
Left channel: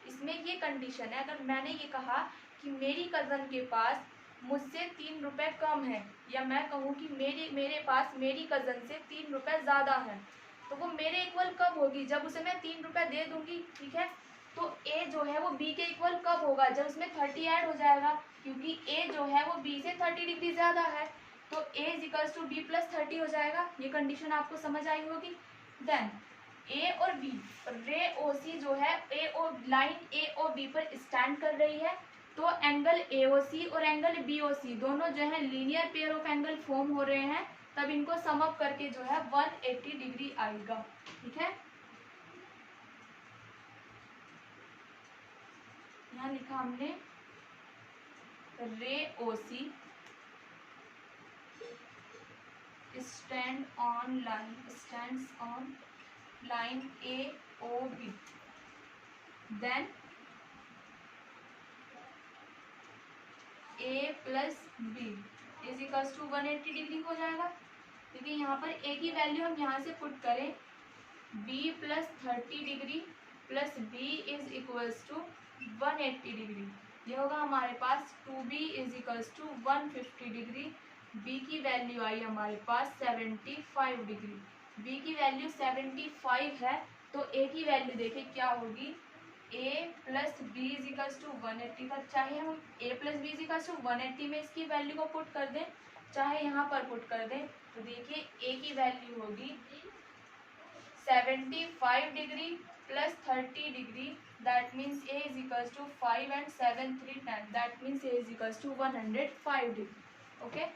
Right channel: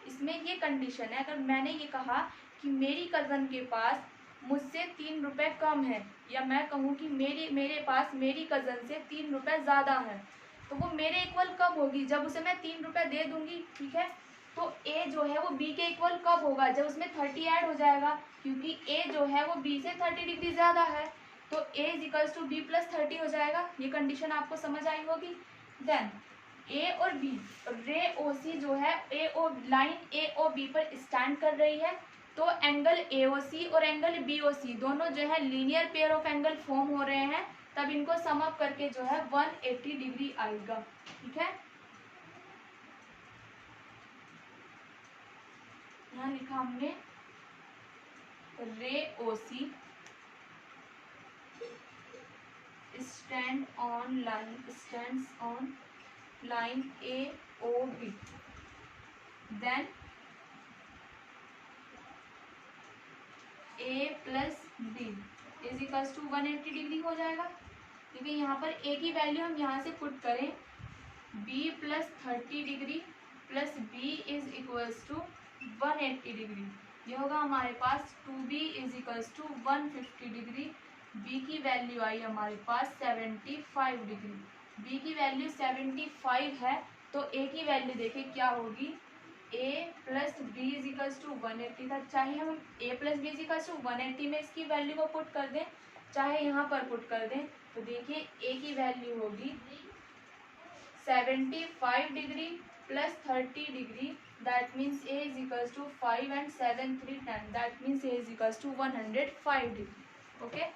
इसमें ये कंडीशन है, अगर मैंने ये कहा कि मेरी कज़न के पास मुझसे 3 रुपये कम है, या मैं कहूँ कि मेरे पास मेरी कज़न से 3 रुपये ज़्यादा है, तो वो मेरे इक्वल कब होगी, जब उसे मैं 3 रुपये दे दूंगी। ठीक है, तो a जो है वो b के इक्वल कब होगा, जब उसमें 30 ऐड हो जाएगा, क्योंकि a जो है वो b से 30 डिग्री ज़्यादा है, तो a is equals to B plus 30 हो जाएगा। ये कंडीशन आपको समझ आई होगी। देन a और b, रे ओ सी जो है लाइन a और b पर स्टैंड कर रही है, तो एंगल AOC और एंगल BOC दोनों जो है linear pair of angle form हो रहे हैं, तब इनको सम अप करके जो है 180 डिग्री आएगा। ठीक है, यहाँ लिखा हमने ray OC stands on line AOB, then A plus B is equals to 180 degree हो जाएगा, क्योंकि यहाँ पर A की वैल्यू हम यहाँ से पुट करें, B plus 30 degree plus B is equals to 180 degree. ये होगा हमारे पास 2B is equals to 150 degree. B की वैल्यू आई हमारे पास 75 डिग्री। B की वैल्यू 75 है, तो A की वैल्यू देखिए क्या होगी, a plus B is equals to 180 था, चाहे हम a plus B is equals to 180 में इसकी वैल्यू को पुट कर दें, चाहे यहाँ पर पुट कर दें, तो देखिए a की वैल्यू होगी 75 degree plus 30 degree, that means A is equals to 5 and 7 3 10, that means A is equals to 105 degree. Okay.